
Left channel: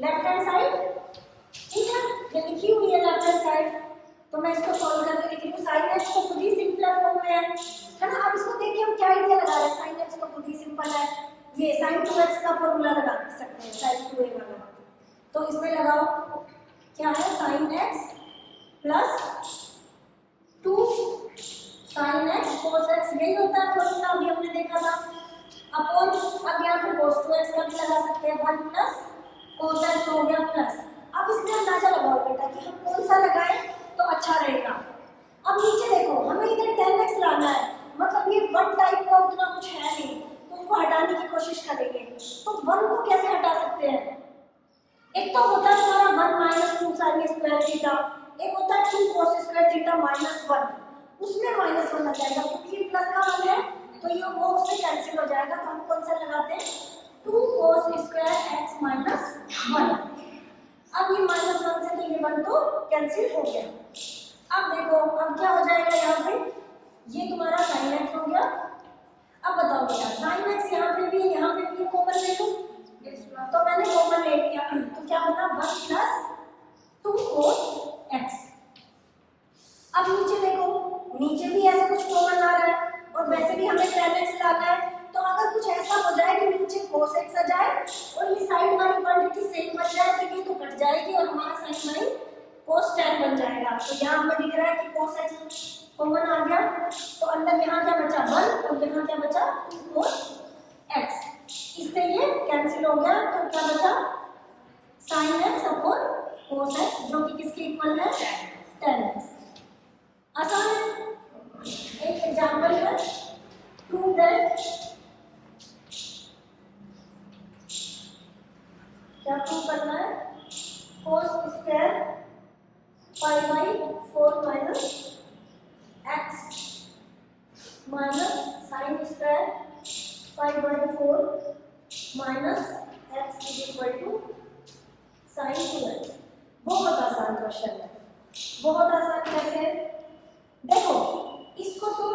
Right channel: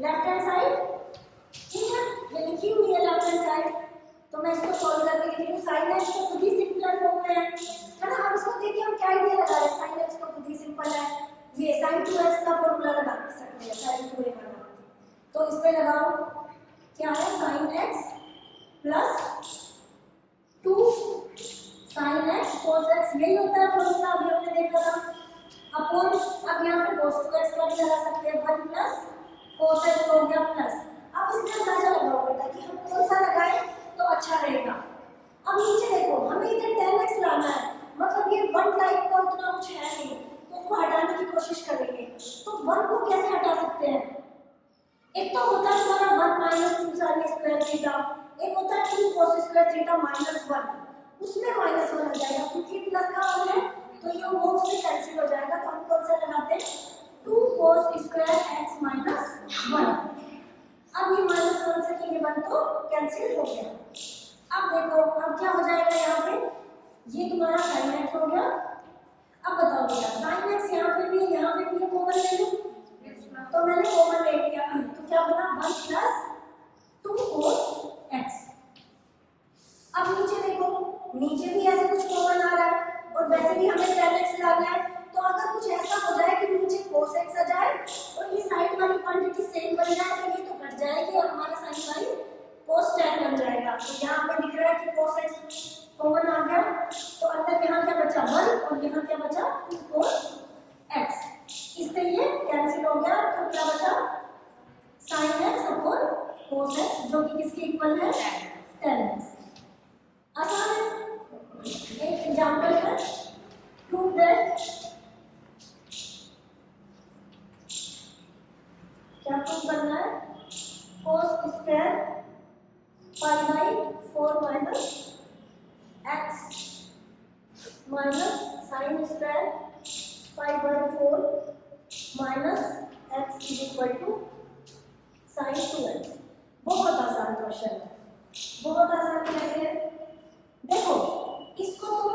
लेफ्ट हैंड साइड, ठीक है, ये लिखी हुई है लेफ्ट हैंड साइड, तो मैं इसको सॉल्व करके लिख रही हूँ। sin x को खुद ही सिंपलर फॉर्म में है है ना। अब इसको देखिए हम क्या आइडिया लगा रहे हैं, साइन एक्स तो बहुत ही सिंपल है, ये साइन 2x का फॉर्मूला लगा सकते हैं, साइन 2a वाला। तो इसमें लगाओ क्या है, sine x plus 2 sine x cos x, यही होता है फॉर्मूला, अभी हमने देखा था। अपॉन, अब यहाँ पे कोस 2x का भी लगा सकते हैं, 1 प्लस कोस एक्स हो गया प्लस। अब इसमें अंदाजा लगाओ बेटा कि हम कौन सा लगाएं तो अच्छा रहेगा। अब नीचे देखो, हमें इधर 10x लाना है, मतलब ये 1 टाइप का उतना कुछ है नहीं, तो उसको हटाने की कोशिश करेंगे। तो 1 को कैसे हटा सकते हैं, एक तो होता है तुम्हारा 1 माइनस 2 साइन स्क्वायर थीटा, एक होता है 2 कोस स्क्वायर थीटा माइनस 1, उसमें -1 आ जाएगा क्योंकि प्लस का 1 है, तो ये वो उससे कैंसिल हो जाएगा। तो हम कौन सा लगाते हैं, 2 कोस स्क्वायर एक्स माइनस 1। अब ये -1 से तो ये 1 तो कैंसिल हो गया। अब देखो अब क्या हो जाएगा, यहाँ पे ये तुम्हारा साइन एक्स हो गया। अब बताओ बेटा, साइन एक्स यहाँ पे भी यहाँ पे भी कॉमन ले लूं, तो मैंने कॉमन ले लिया, तो क्या बना 1 प्लस 2 कोस एक्स। अब नीचे देखो, नीचे भी ऐसे कुछ कॉमन आ रहा है, और वैसे भी हमें 10x लाना है, तो अगर कुछ ऐसा हो जाए कि नीचे cos x आ जाए और ये साइड वाली क्वांटिटी सेम बन जाए, तो ये तो कट जाएगी और हमारा साइन बाई cos tan बन जाएगा। तो यहाँ हमें दिख रहा है कि cos x कॉमन आ गया, तो अंदर यहाँ क्या बचा 1 और यहाँ क्या बचा 2 cos x, इससे ये कैंसिल हो गया। तो क्या बचा sin x upon cos x, जो कि किसके इक्वल है, tan x। आसान है। एक एग्जाम्पल है, प्रूव दैट, क्या प्रूव करना है, cos square pi by 4 minus X minus sine square pi by 4 minus X is equal to sine 2x। बहुत आसान क्वेश्चन है, बहुत आसान। कैसे, देखो इसको तो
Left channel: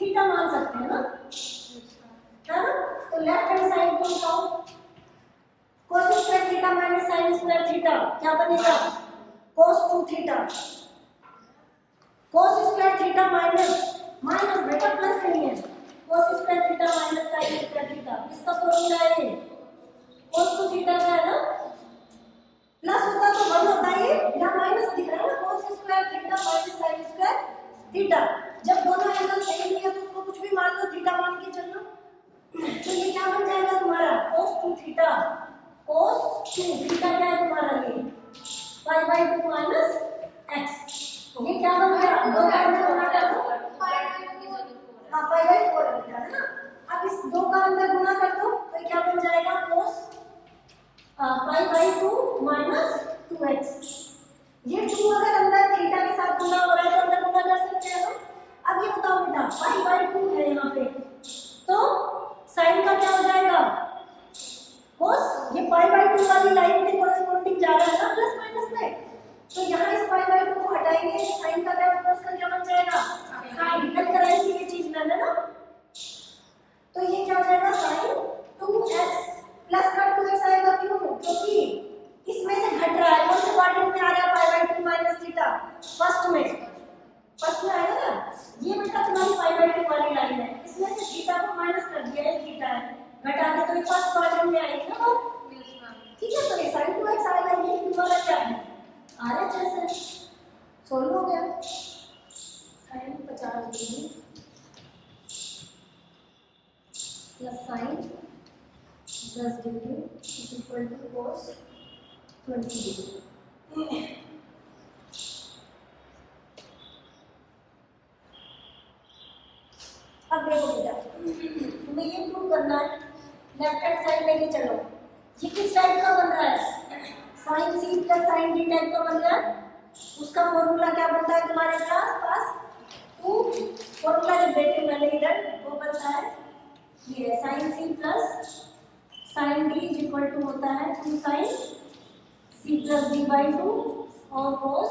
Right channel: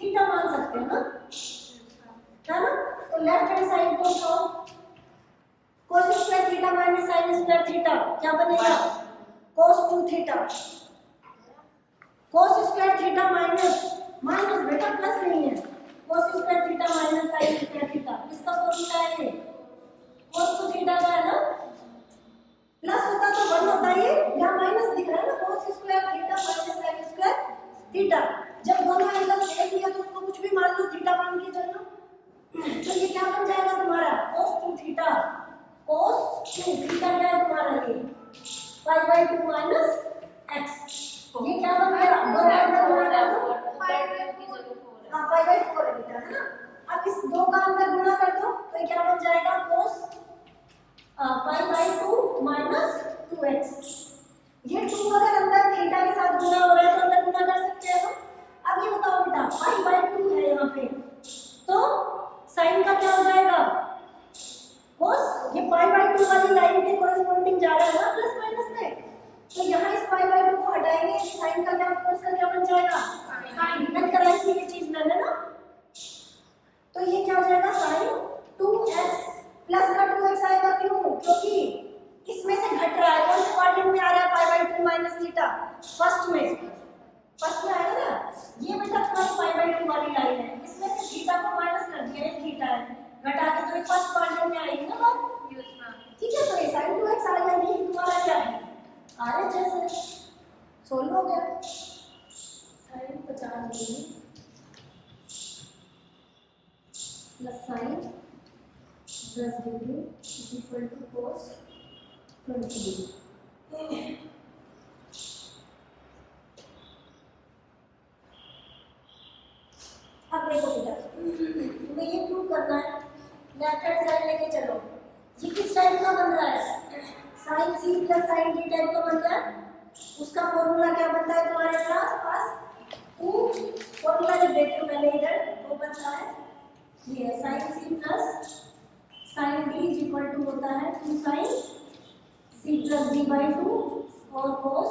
थीटा मान सकते हैं ना, है ना। तो लेफ्ट हैंड साइड को उठाओ, cos square theta minus sine square theta क्या बनेगा, cos 2 theta. cos square theta minus minus बेटा प्लस नहीं है, cos square theta minus sine square theta, किसका फॉर्मूला है ये, cos 2 थीटा का है ना। प्लस होता तो 1 होता है, ये यहाँ माइनस दिख रहा है ना, cos square theta minus sine square theta. जब दोनों एंगल सेम ही है तो उसको कुछ भी मान लो, थीटा मान के चलो। तो ये क्या बन जाएगा तुम्हारा cos 2 थीटा, cos 2 थीटा क्या है तुम्हारा, ये पाई बाई 2 माइनस एक्स। ये क्या बन गया, दो का अंदर गुणा कर दो, हाँ पाई बाई 4 है बेटा, है ना। अब इस 2 का अंदर गुणा कर दो, तो ये क्या बन जाएगा cos pi by 2 minus 2x। ये 2 अगर अंदर थीटा के साथ गुणा हो रहा है तो अंदर गुणा कर सकते हैं हम। अब ये बताओ बेटा, पाई बाई 2 है यहाँ पे, तो साइन का क्या हो जाएगा cos, ये पाई बाई 2 वाली लाइन के कोरेस्पोंडिंग जा रहा है ना प्लस माइनस में, तो यहाँ इस पाई बाई 2 को हटाएंगे, साइन का क्या cos का क्या बन जाएगा साइन, कट कराई थी ये चीज मैंने ना। तो ये क्या हो जाएगा साइन 2x प्लस का 2x आएगा, क्यों, क्योंकि इसमें से घट रहा है, कौन से क्वाड्रेंट में आ रहा है, pi by 2 minus theta, first में आएगा ना। ये बेटा तुम्हारी पाई बाई 2 वाली लाइन है, इसमें से थीटा को माइनस कर दिया, ये थीटा है, घटा के तो ये फर्स्ट क्वाड्रेंट में आएगी ना बात, ठीक है। तो ये sin 2x आ गया, ये तुम्हारा क्या है RHS है, सोल्व हो गया। sin 50 degree plus sin 10 degree is equal to cos 20 degree. अब देखो बेटा, तुम्हें ये प्रूव करना है, लेफ्ट हैंड साइड लेके चलो। ये किस टाइप का बन रहा है, sine C plus sine D type का बन रहा है। उसका फॉर्मूला क्या बनता है तुम्हारे पास, टू फॉर्मूला जब देते मैंने इधर वो बनता है, ये है sine C plus sine D is equal to होता है 2 sine C plus D by 2 और cos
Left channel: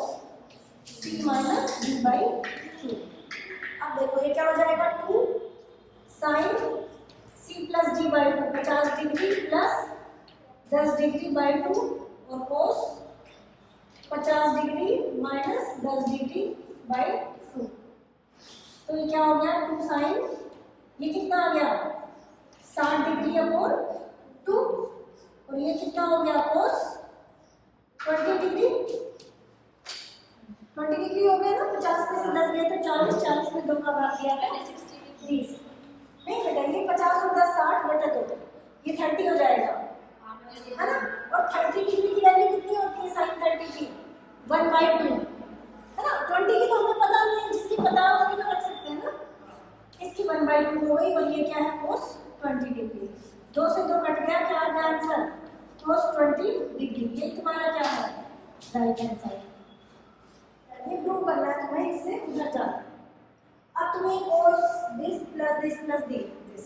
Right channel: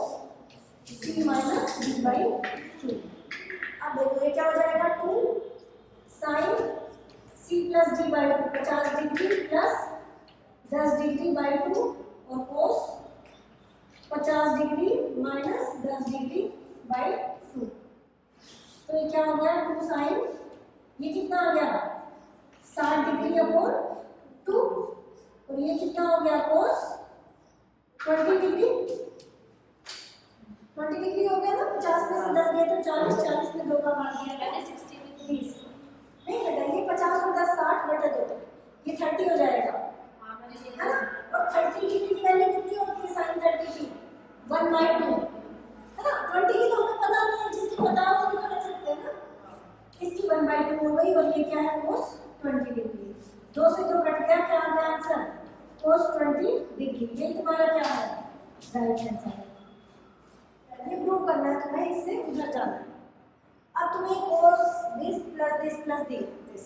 C minus D by 2। अब देखो ये क्या हो जाएगा, 2 sine C plus D by 2 50 degree plus 10 degree by 2 और cos 50 degree minus 10 degree by 2। तो ये क्या हो गया 2 साइन, ये कितना आ गया 60 डिग्री अपॉन 2, और ये कितना हो गया कोस 20 डिग्री, 20 डिग्री हो गया ना, 50 में से 10 गया तो 40, 40 में 2 का भाग दिया था 30, नहीं बेटा ये 50 और 10 60 बटे 2, ये 30 हो जाएगा है ना। और 30 डिग्री की वैल्यू कितनी होती है साइन 30 की 1/2 है ना। 20 की तो हमें पता नहीं है, जिसकी पता है उसकी तो रख सकते हैं ना। इसकी 1/2 हो गई, और ये क्या है कोस 20 डिग्री, 2 से 2 कट गया, क्या आ गया आंसर कोस 20 डिग्री। ये तुम्हारा क्या है राइट हैंड साइड। ये प्रूव करना है तुम्हें, इससे उधर जाना है। अब तुम्हें कोस दिस प्लस दिस,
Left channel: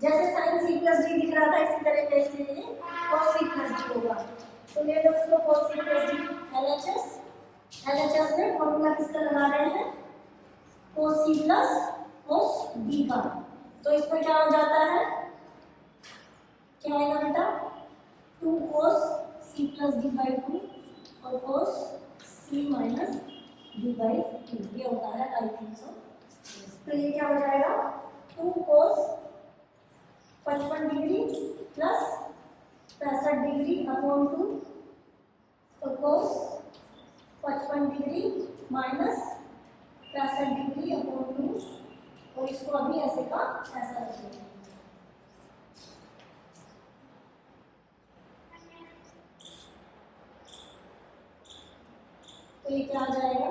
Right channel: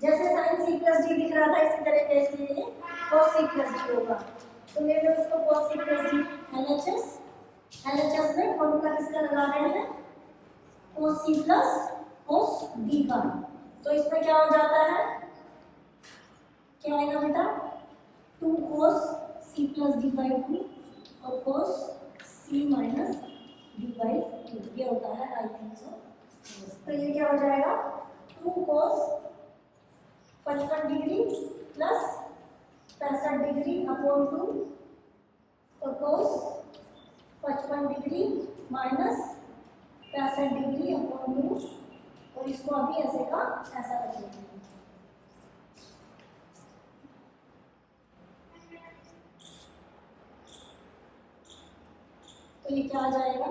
जैसे साइन सी प्लस डी दिख रहा था इसी तरीके से कोस सी प्लस डी होगा। तो ले लो इसको कोस सी प्लस डी एलएचएस में फॉर्मूला किसका लगा रहे हैं कोस सी प्लस कोस डी का। तो इसमें क्या हो जाता है, क्या आएगा बेटा 2 कोस सी प्लस डी बाई 2 और cos C minus D by 2, ये होता है आई थिंक सो। तो ये क्या हो जाएगा 2 कोस 55 डिग्री प्लस 65 डिग्री अपॉन 2, तो कोस 55 डिग्री माइनस 65 डिग्री अपॉन 2, और इसको अभी ऐसे का ऐसा रख देंगे। तो ये क्या आ जाएगा,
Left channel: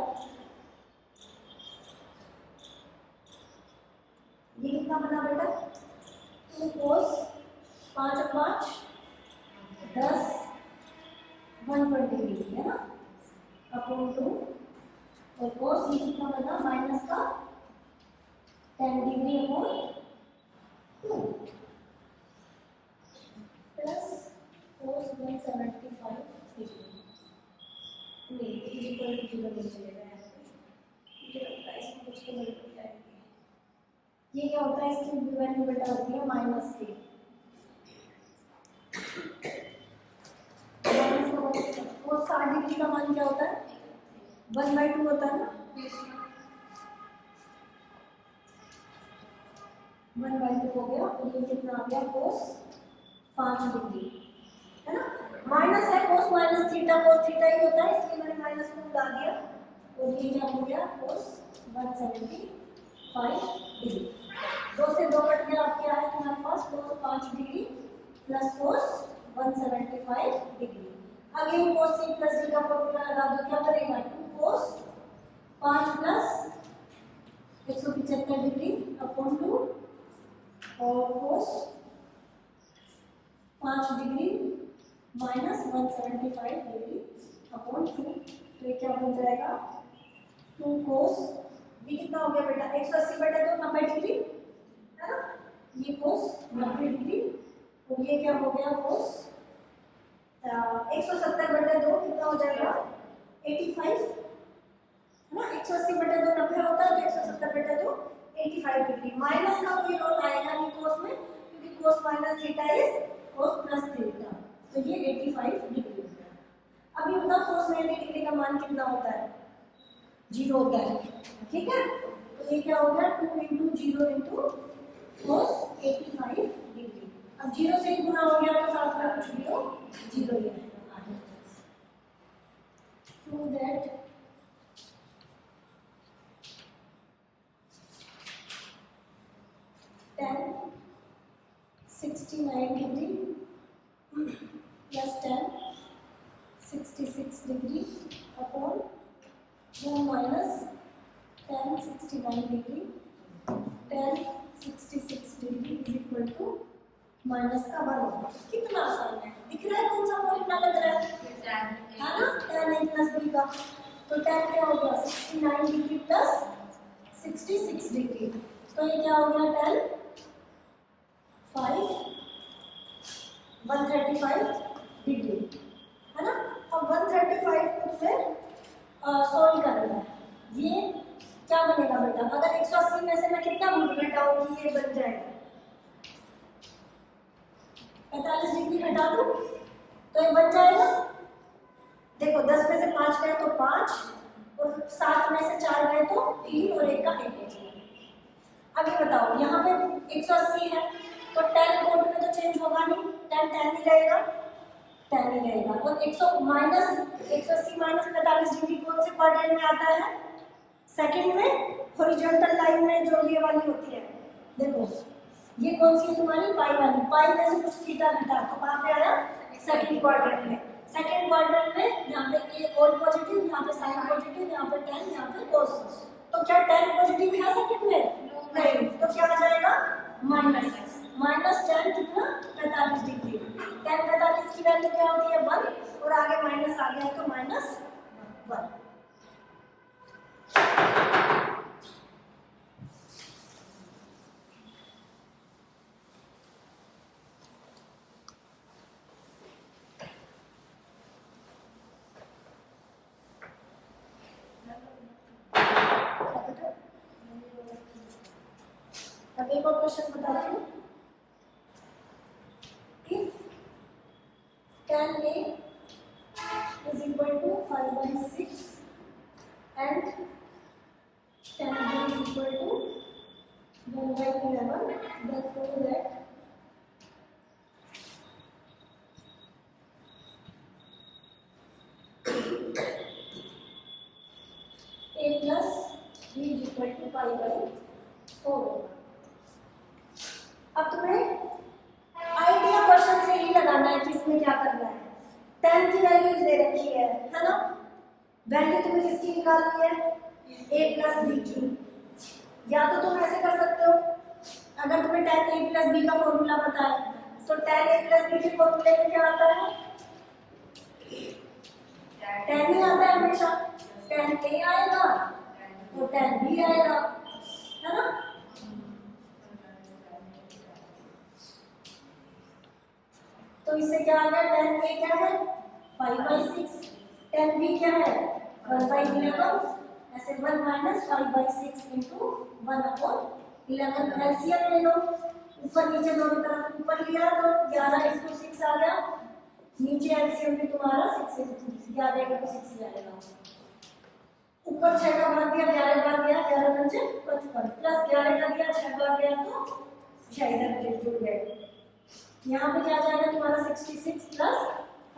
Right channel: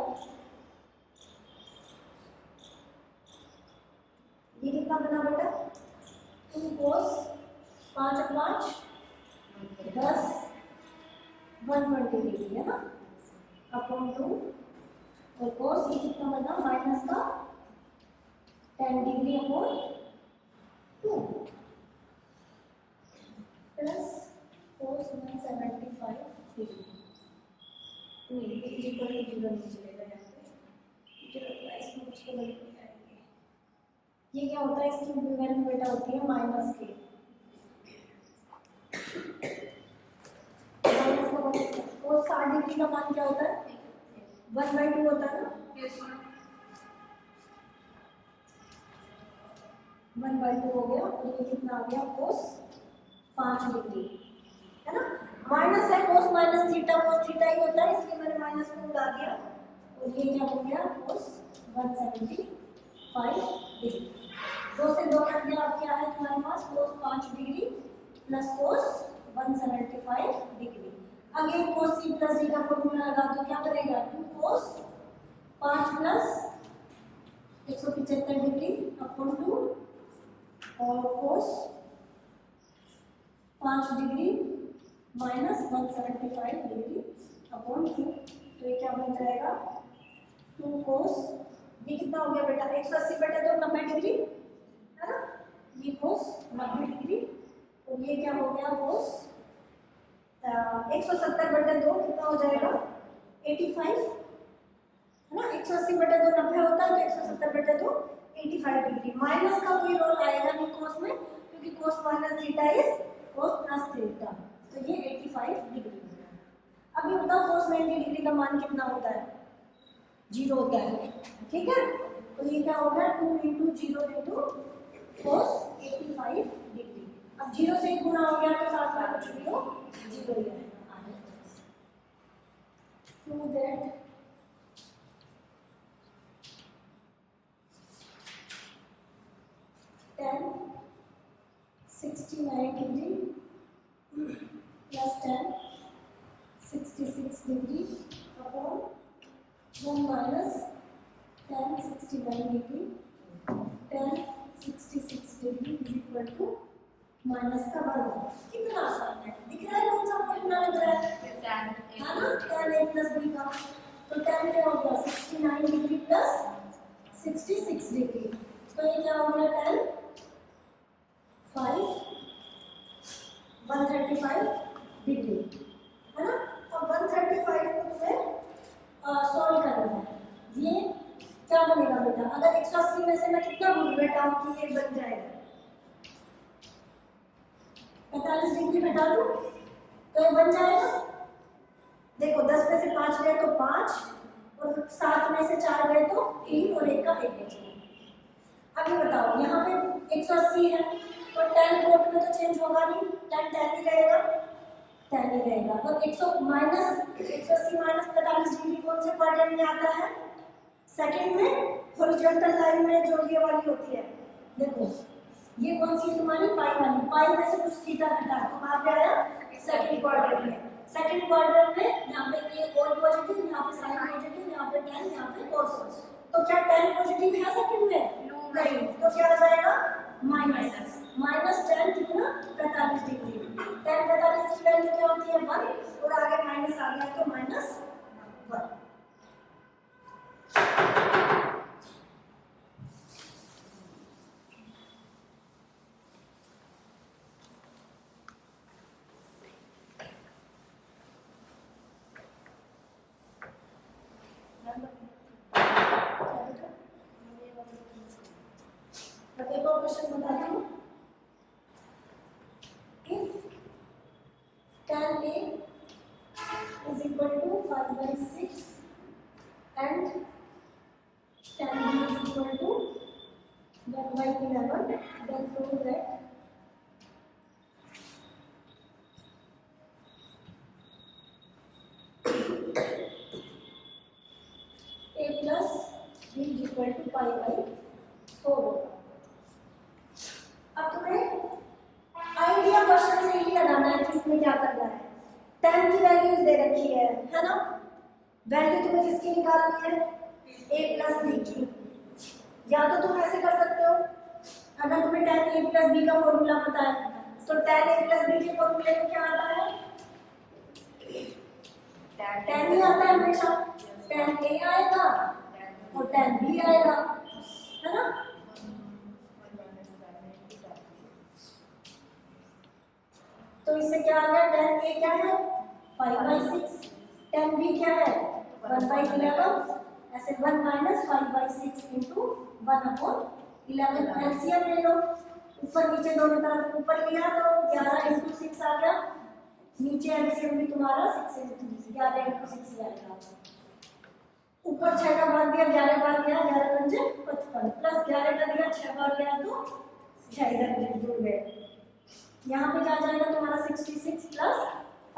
ये कितना बना बेटा 2 कोस 5 और 5 10 120 डिग्री है ना अपॉन 2, और कोस ये कितना बना माइनस का 10 degree upon 2 plus cos 175 degree. नहीं कोई जीरो नहीं चलेगा यहाँ पे, मुझे लगता है इसमें कुछ तो गलती आएगी। ये क्या होता है, इसकी वैल्यू बेटा होती है माइनस के, माइनस का कोस 60 डिग्री का मान क्या होता है 1/2 होता है ना, 1/2 हो गया, और ये कितना आ गया कोस 5 डिग्री है ना। माइनस है cos minus theta, cos theta ही होता है इसलिए मैंने माइनस को उड़ा दिया, और ये क्या हो गया कोस 175 डिग्री। 2 से 2 कट गया, अब क्या है तुम्हारे पास cos 5 degree plus cos 175 degree. Again cos C plus D का फॉर्मूला लगा दो, क्या बनेगा 2 कोस 5 प्लस 175 डिग्री अपॉन 2, और कोस 5 डिग्री माइनस 175 डिग्री अपॉन 2, तो ये क्या बन जाएगा 2 कोस, ये कितना हो गया बेटा 180 बटे 2 90 डिग्री है ना, ये कोस 90 डिग्री, और ये क्या हो गया कोस 170 बटे 2 कितना हो जाएगा 85 है ना। 180 बटे 2 90 होता है, तो 170 बटे 2 85 डिग्री। माइनस का कोई रोल आएगा नहीं कोस में, क्योंकि कोस minus theta is cos plus theta, तो ये 85 डिग्री हो गया। अब ये बताओ कोस 90 डिग्री का मान कितना होता है 0 होता है, ठीक है। तो ये क्या हो गया 2 इंटू 0 इंटू कोस 85 डिग्री। अब 0 से ही गुना हो गया तो साथ में कुछ भी हो 0 ही आएगा आगे। To that tan 69 degree plus tan 66 degree upon 1 minus tan 69 degree, tan 66 degree is equal to minus का 1 होगा। कितना आसान है, दिख रहा है कौन सा फॉर्मूला लग रहा है ना tan a प्लस b का। तो tan क्या होगा 69 डिग्री प्लस 66 डिग्री, तो ये क्या हो गया tan 135 डिग्री है ना। अब 135 को तुम्हें सॉल्व करना है, ये क्या बनेगा बेटा, अगर 180 में से मैं कितना भूल घटाऊं कि ये बन जाएगा 45 डिग्री घटा दूं तो ये बन जाएगा। देखो 10 में से 5 गए तो 5, और 7 में से 4 गए तो 3, और 1 का 1 बचेगा। अब ये बताओ, यहाँ पे 180 है तो tan कोट में तो चेंज होगा नहीं, tan ही रहेगा, tan ही रहेगा। और 180 माइनस 45 डिग्री कौन से क्वाड्रेंट में आता है? सेकंड में, हॉरिजॉन्टल लाइन में जो ये वाली होती है। देखो ये कौन सी है तुम्हारी? पाई वाली। पाई में से कुछ थीटा घटा तो कहाँ पे आया? सेकंड क्वाड्रेंट में। सेकंड क्वाड्रेंट में यहाँ पे ए ऑल पॉजिटिव, यहाँ पे साइन पॉजिटिव, यहाँ पे tan, यहाँ पे cos। तो क्या tan पॉजिटिव है सेकंड में? नहीं, तो क्या आ जाएगा? माइनस tan कितना? 45 डिग्री। tan 45 की वैल्यू क्या होती है? 1, और आगे माइनस आ गया तो -1। अब एक और क्वेश्चन बताती हूँ। If tan A is equal to 5/6 and tan B is equal to 1/11, then prove that A plus B is equal to pi/4 होगा। अब तुम्हें आइडिया क्वेश्चन से ही लगाना है कि इसमें क्या करना है। tan की वैल्यूज दे रखी है ना? वैल्यू तुम्हें किसकी निकालनी है? a प्लस बी की। या तो तुम ऐसे कर सकते हो, अगर तुम्हें tan a प्लस बी का फॉर्मूला पता है तो tan a प्लस बी के फॉर्मूले में क्या आता है? tan ही आता है हमेशा। tan a आएगा और tan b आएगा, है ना? तो इससे क्या आ गया? tan a क्या है? 5/6। tan b क्या है? 1/11। ऐसे 1 माइनस 5/6 इंटू 1/11। एलसीएम ले लो, ऊपर नीचे दोनों तरफ। ऊपर लिया तो 11 इंटू 6 आ गया, नीचे एलसीएम भी तुम्हारा 6 इंटू 11 इंटू 6 जाएगा। ऊपर 6 का भाग दिया, 11 बार गया, 11 पंजे 55, प्लस 11 का दिया, 6 बार गया तो 6 इधर जुड़ गए। यहाँ पे क्या जाएगा तुम्हारा? 66 प्लस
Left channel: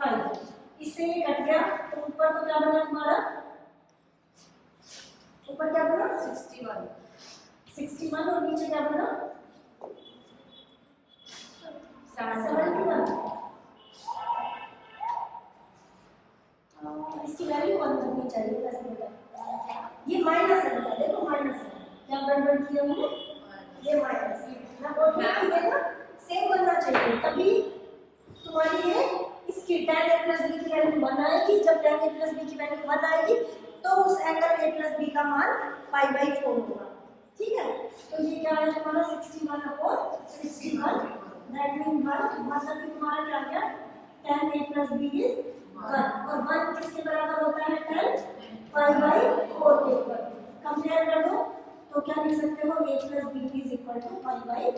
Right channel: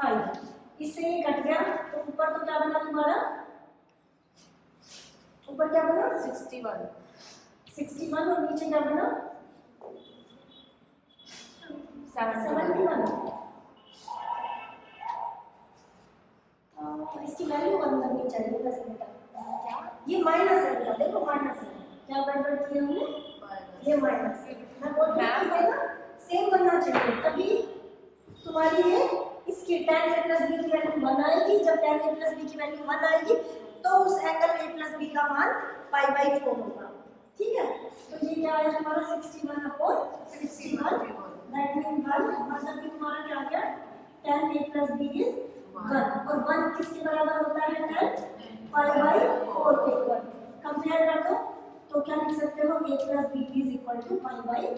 5। इससे ये कट गया तो ऊपर तो क्या बना तुम्हारा? ऊपर क्या बना? 61 और नीचे क्या बना? 71। इसकी वैल्यू 1 लगनी चाहिए वैसे बेटा। ये माइनस है बेटा, देखो माइनस है। क्या गड़बड़ की हमने? ये माइनस। मैं बोल रही हूँ ना, सेम बनना चाहिए, तभी तुम्हारी ये इसकी tan a प्लस बी की वैल्यू 1 आएगी। जब tan a प्लस बी की वैल्यू 1 आएगी तो उस एंगल a प्लस बी का मान pi/4 होगा। ठीक है, तो ये क्या है हमारा? 61/61। दैट मीन 1 मतलब कि तुम्हारा क्या आ गया? tan a plus B is 1, और 1 किसके बराबर होता है? tan pi/4 के इक्वल। कंपेयर कर दो तो क्या लिख सकते हो? a plus B is equal to pi/4।